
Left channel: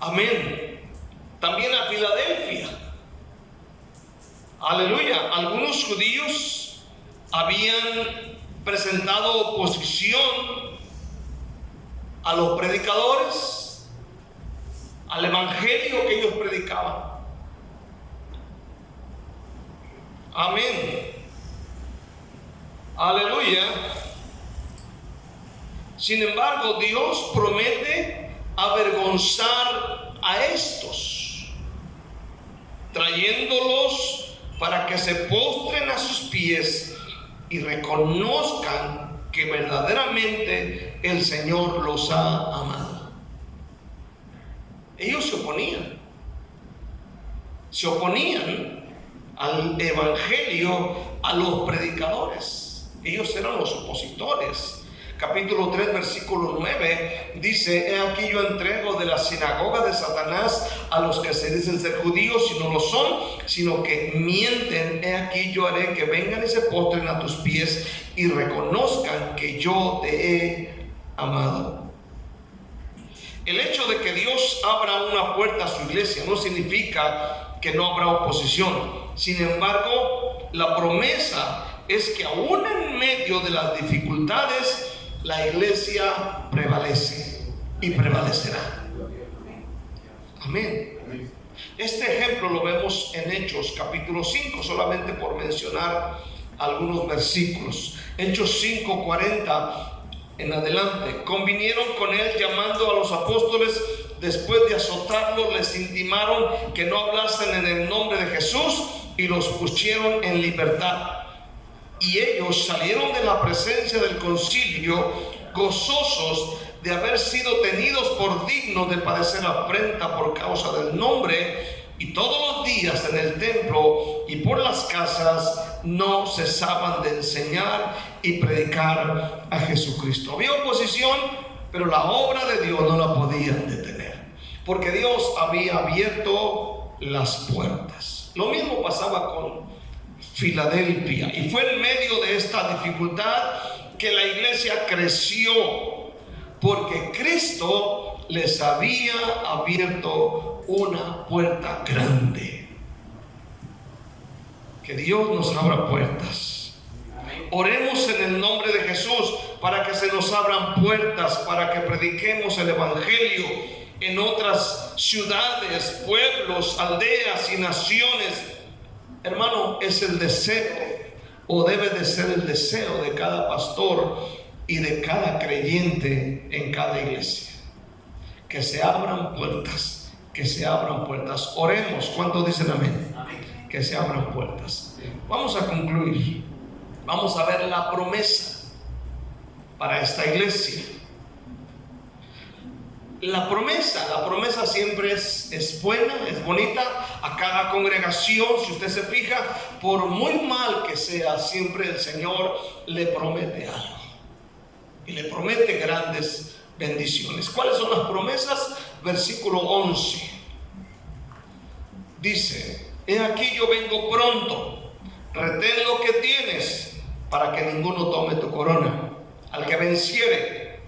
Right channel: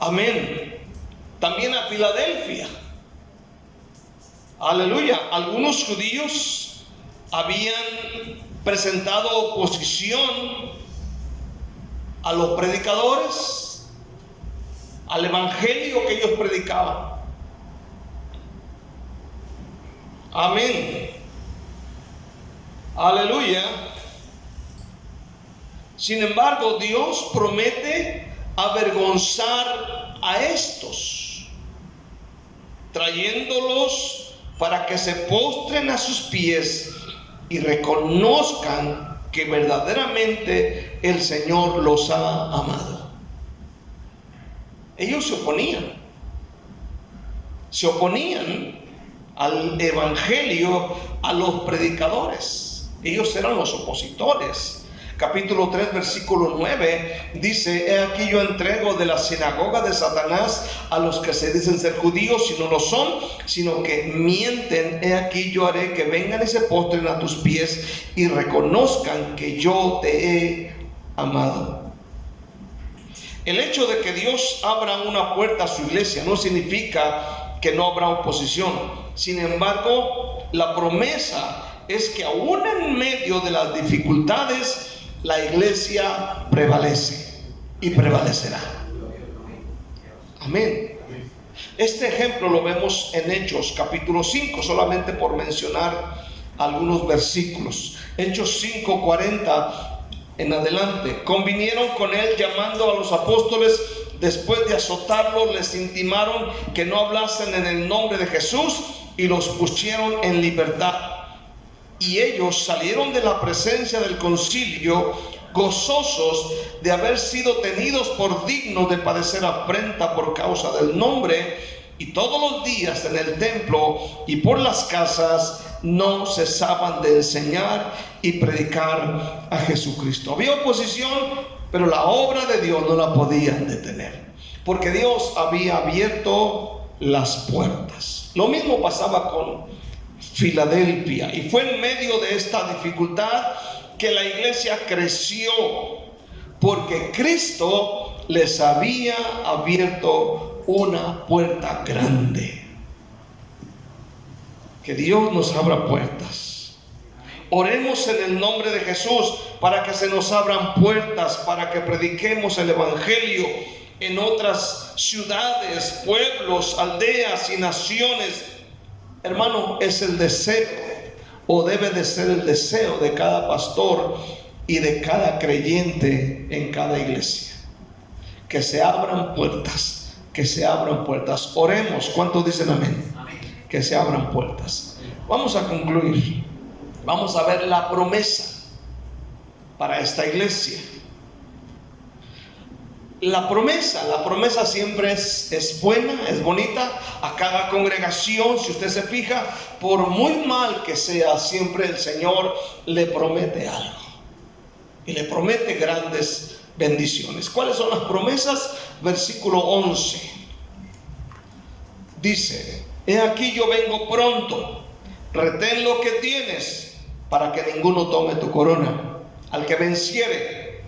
Amén. También a Filadelfia. Aleluya. Algunos judíos habían presentado oposición a los predicadores, al evangelio que ellos predicaban. Amén. Aleluya. Sin embargo, Dios promete avergonzar a estos, trayéndolos para que se postren a sus pies y reconozcan que verdaderamente el Señor los ha amado. Ellos se oponían al evangelio, a los predicadores. Ellos eran los opositores. Capítulo 3, versículo 9 dice: he aquí yo entrego de la sinagoga de Satanás a los que se dicen ser judíos y no lo son, sino que mienten. He aquí yo haré que vengan y se postren a tus pies y reconozcan que yo te he amado. El hecho de que Dios abra una puerta a su iglesia no significa que no habrá oposición. Sin embargo, la promesa es que aún en medio de las dificultades, la iglesia prevalece y prevalecerá. Amén. Este ejemplo lo vemos en Hechos capítulo 5, solamente por mencionar algunos versículos. Hechos 5:40 en adelante. Convinieron con él, llamando a los apóstoles. Después de azotarlos, les intimaron que no hablasen en el nombre de Jesús y los pusieron en libertad. Y ellos salieron de la presencia del concilio gozosos de haber sido tenidos por dignos de padecer afrenta por causa del nombre. Y todos los días en el templo y por las casas no cesaban de enseñar y predicar a Jesucristo. Había oposición, pero la obra de Dios no la podían detener, porque Dios había abierto las puertas. Lo mismo pasaba con Filadelfia, y fue en medio de esta dificultad que la iglesia creció, porque Cristo les había abierto una puerta grande. Que Dios nos abra puertas. Oremos en el nombre de Jesús para que se nos abran puertas, para que prediquemos el evangelio en otras ciudades, pueblos, aldeas y naciones. Hermano, es el deseo, o debe de ser el deseo de cada pastor y de cada creyente en cada iglesia, que se abran puertas, que se abran puertas. Oremos. ¿Cuántos dicen amén? Amén. Que se abran puertas. Vamos a concluir. Vamos a ver la promesa para esta iglesia. La promesa siempre es buena, es bonita. A cada congregación, si usted se fija, por muy mal que sea, siempre el Señor le promete algo y le promete grandes bendiciones. ¿Cuáles son las promesas? Versículo 11 dice: he aquí yo vengo pronto, retén lo que tienes para que ninguno tome tu corona. Al que venciere,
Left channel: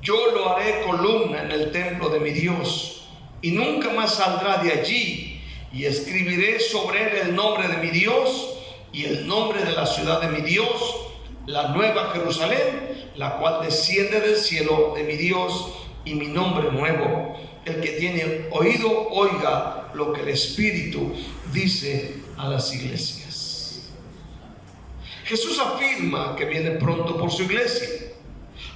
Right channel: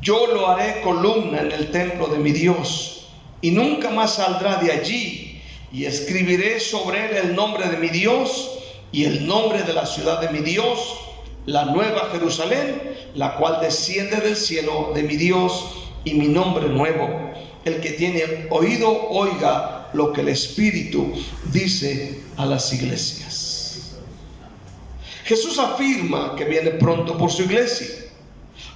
yo lo haré columna en el templo de mi Dios, y nunca más saldrá de allí. Y escribiré sobre él el nombre de mi Dios y el nombre de la ciudad de mi Dios, la nueva Jerusalén, la cual desciende del cielo de mi Dios, y mi nombre nuevo. El que tiene oído, oiga lo que el Espíritu dice a las iglesias. Jesús afirma que viene pronto por su iglesia,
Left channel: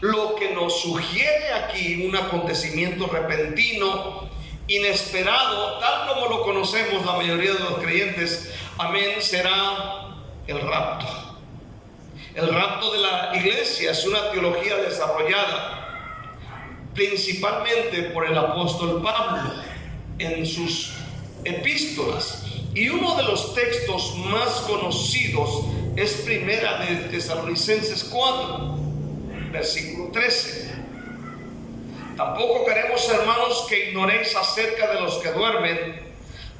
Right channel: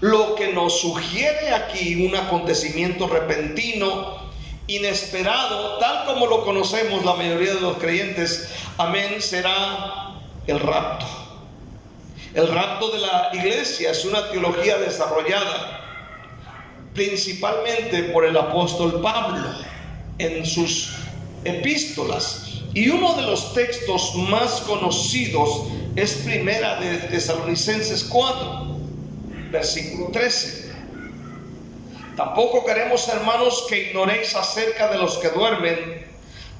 lo que nos sugiere aquí un acontecimiento repentino, inesperado, tal como lo conocemos la mayoría de los creyentes. Amén. Será el rapto. El rapto de la iglesia es una teología desarrollada principalmente por el apóstol Pablo en sus epístolas, y uno de los textos más conocidos es Primera de Tesalonicenses 4, versículo 13. Tampoco queremos, hermanos, que ignoréis acerca de los que duermen,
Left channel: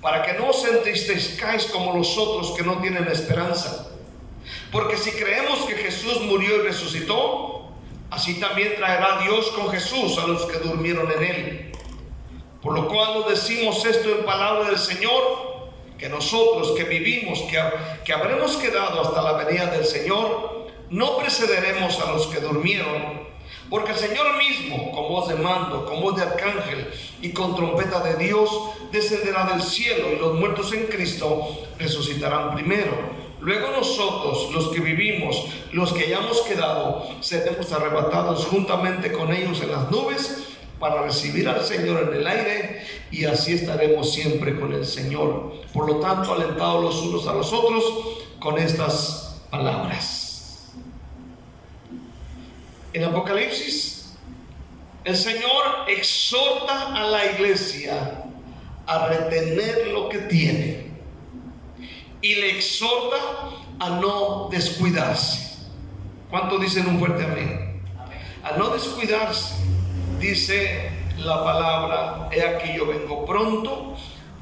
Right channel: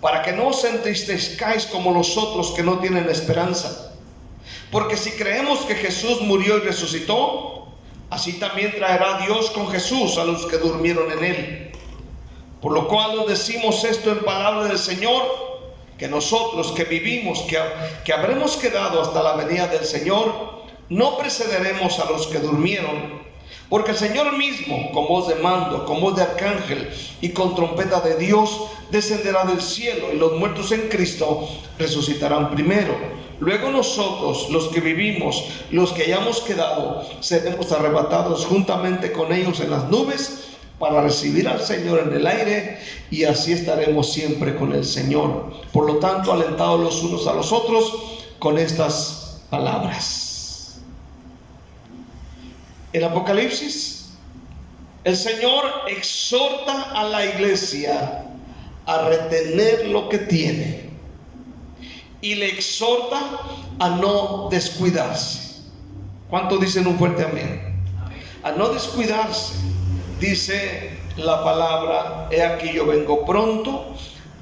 para que no os entristezcáis como los otros que no tienen esperanza. Porque si creemos que Jesús murió y resucitó, así también traerá Dios con Jesús a los que durmieron en él. Por lo cual nos decimos esto en palabra del Señor, que nosotros que vivimos, que habremos quedado hasta la venida del Señor, no precederemos a los que durmieron. Porque el Señor mismo, con voz de mando, con voz de arcángel y con trompeta de Dios, descenderá del cielo, y los muertos en Cristo resucitarán primero. Luego nosotros, los que vivimos, los que hayamos quedado, seremos arrebatados juntamente con ellos en las nubes para recibir al Señor en el aire, y así estaremos siempre con el Señor. Por lo tanto, alentados los unos a los otros con estas palabras. En Apocalipsis, el Señor exhorta a la iglesia a retener lo que tiene, y le exhorta a no descuidarse. ¿Cuánto dicen un fuerte amén? A no descuidarse. Dice la palabra: he aquí yo vengo pronto,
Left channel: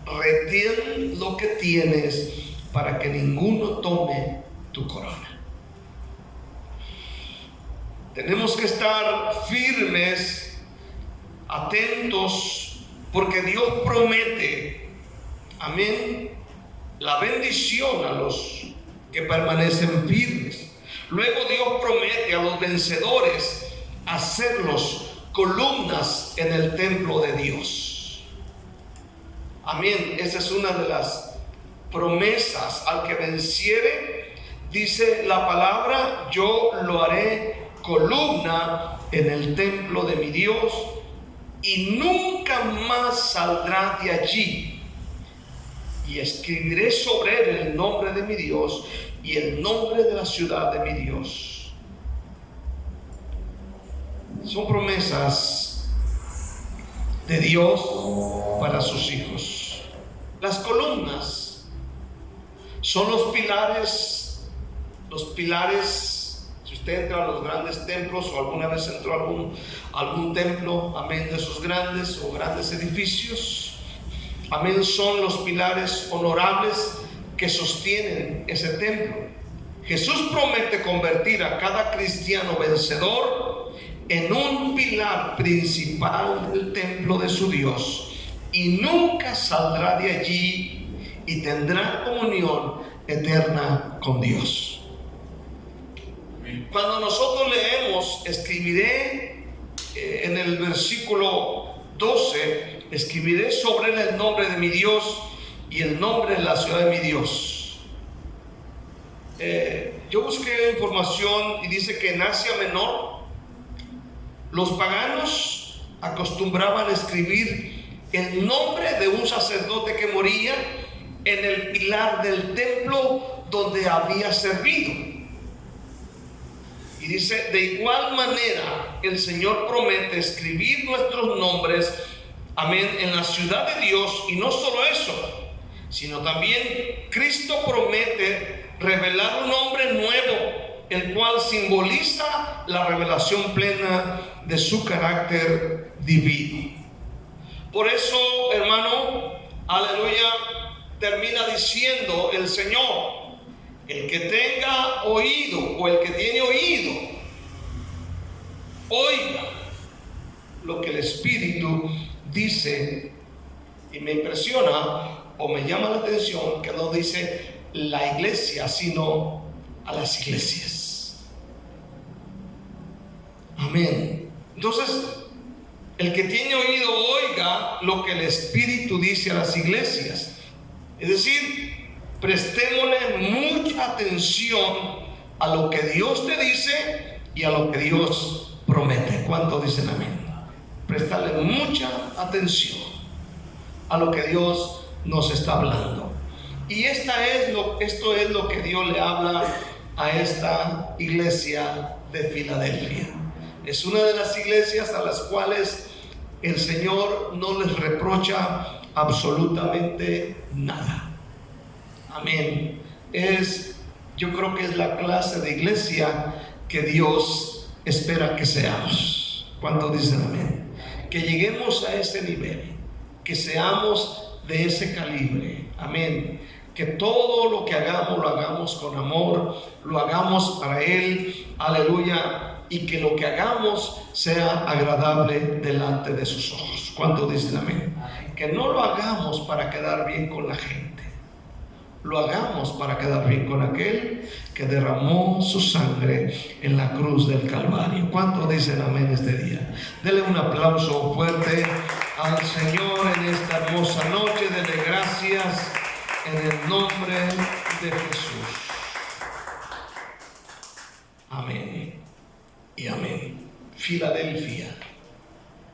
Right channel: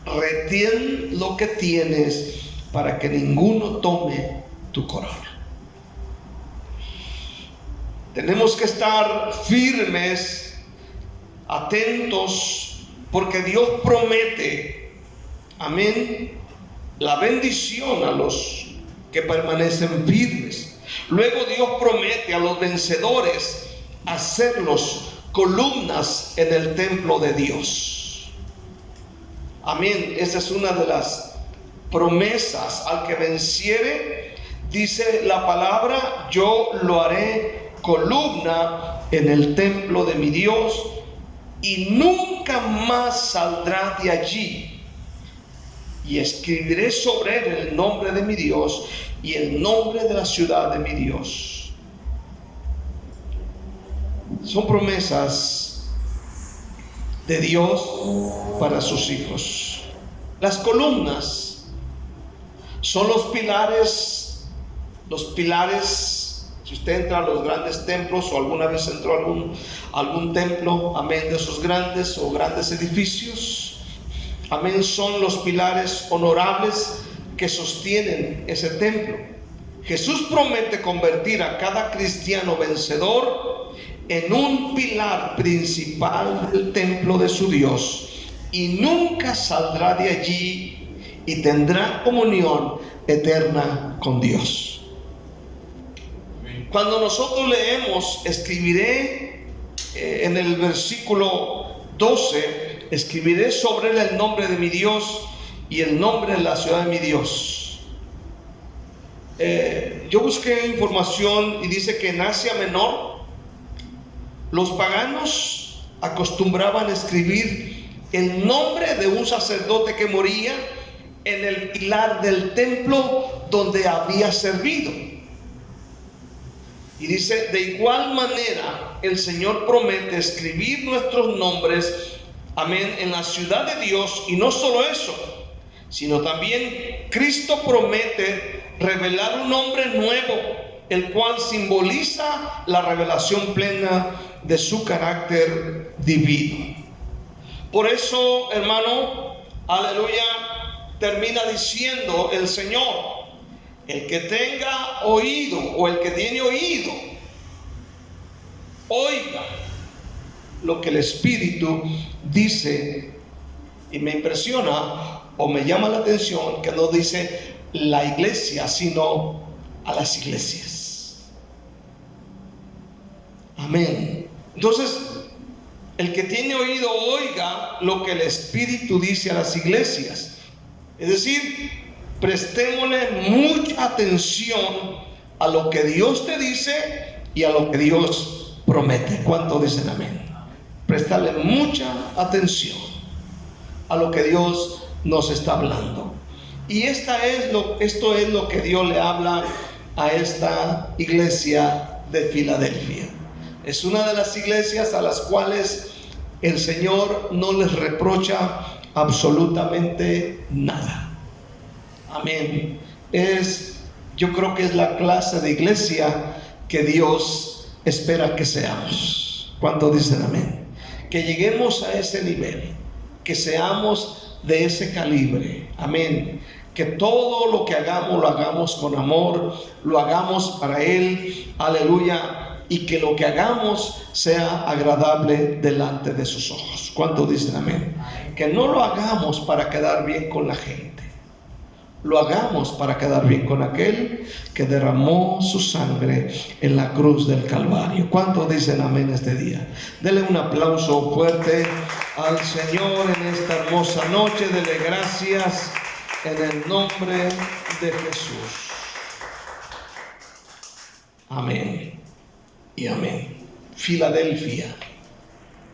retén lo que tienes para que ninguno tome tu corona. Tenemos que estar firmes, atentos, porque Dios promete, amén, la bendición a los que permanecen firmes. Luego Dios promete a los vencedores hacerlos columnas en el templo de Dios. Amén. Esa es una de las promesas. Al que venciere, dice la palabra, yo lo haré columna en el templo de mi Dios, y nunca más saldrá de allí. Y escribiré sobre él el nombre de mi Dios y el nombre de la ciudad de mi Dios. Son promesas de Dios para sus hijos. Las columnas son los pilares. Si usted entra a los grandes templos, o alguna vez entró a algún templo, amén, de esos grandes o grandes edificios, amén, son los pilares honorables que sostienen ese templo. Jesús promete convertir a cada cristiano vencedor en un pilar principal del templo de su Dios, y nunca saldrá de allí, y tendrá comunión eterna con Dios. Cuando nosotros leemos, escribiré en el versículo 12, escribiré sobre él el nombre de mi Dios y el nombre de la ciudad de mi Dios. Yo busqué información y dice que en Asia Menor los paganos acostumbraban a escribir el nombre de un sacerdote que moría en el pilar del templo donde había servido. Y dice: de igual manera el Señor promete escribir nuestros nombres, amén, en la ciudad de Dios. Y no solo eso, sino también Cristo promete revelar un nombre nuevo, el cual simboliza la revelación plena de su carácter divino. Por eso, hermano, aleluya, termina diciendo el Señor: el que tenga oído, o el que tiene oído, oiga lo que el Espíritu dice. Y me impresiona o me llama la atención que no dice la iglesia, sino a las iglesias. Amén. Entonces, el que tiene oído oiga lo que el Espíritu dice a las iglesias. Es decir, prestémosle mucha atención a lo que Dios te dice y a lo que Dios promete. ¿Cuántos dicen amén? Prestarle mucha atención a lo que Dios nos está hablando. Y esto es lo que Dios le habla a esta iglesia de Filadelfia. Es una de las iglesias a las cuales el Señor no les reprocha absolutamente nada. Amén. Yo creo que es la clase de iglesia que Dios espera que seamos. ¿Cuántos dicen amén? Que lleguemos a ese nivel, que seamos de ese calibre. Amén. Que todo lo que hagamos, lo hagamos con amor, lo hagamos para Él. Aleluya. Y que lo que hagamos sea agradable delante de sus ojos. ¿Cuántos dicen amén? Que no lo hagamos para quedar bien con la gente. Lo hagamos para quedar bien con aquel que derramó su sangre en la cruz del Calvario. ¿Cuántos dicen amén este día? Denle un aplauso fuerte al Señor en esta hermosa noche. Dele gracias en el nombre de Jesús. Amén y amén. Filadelfia.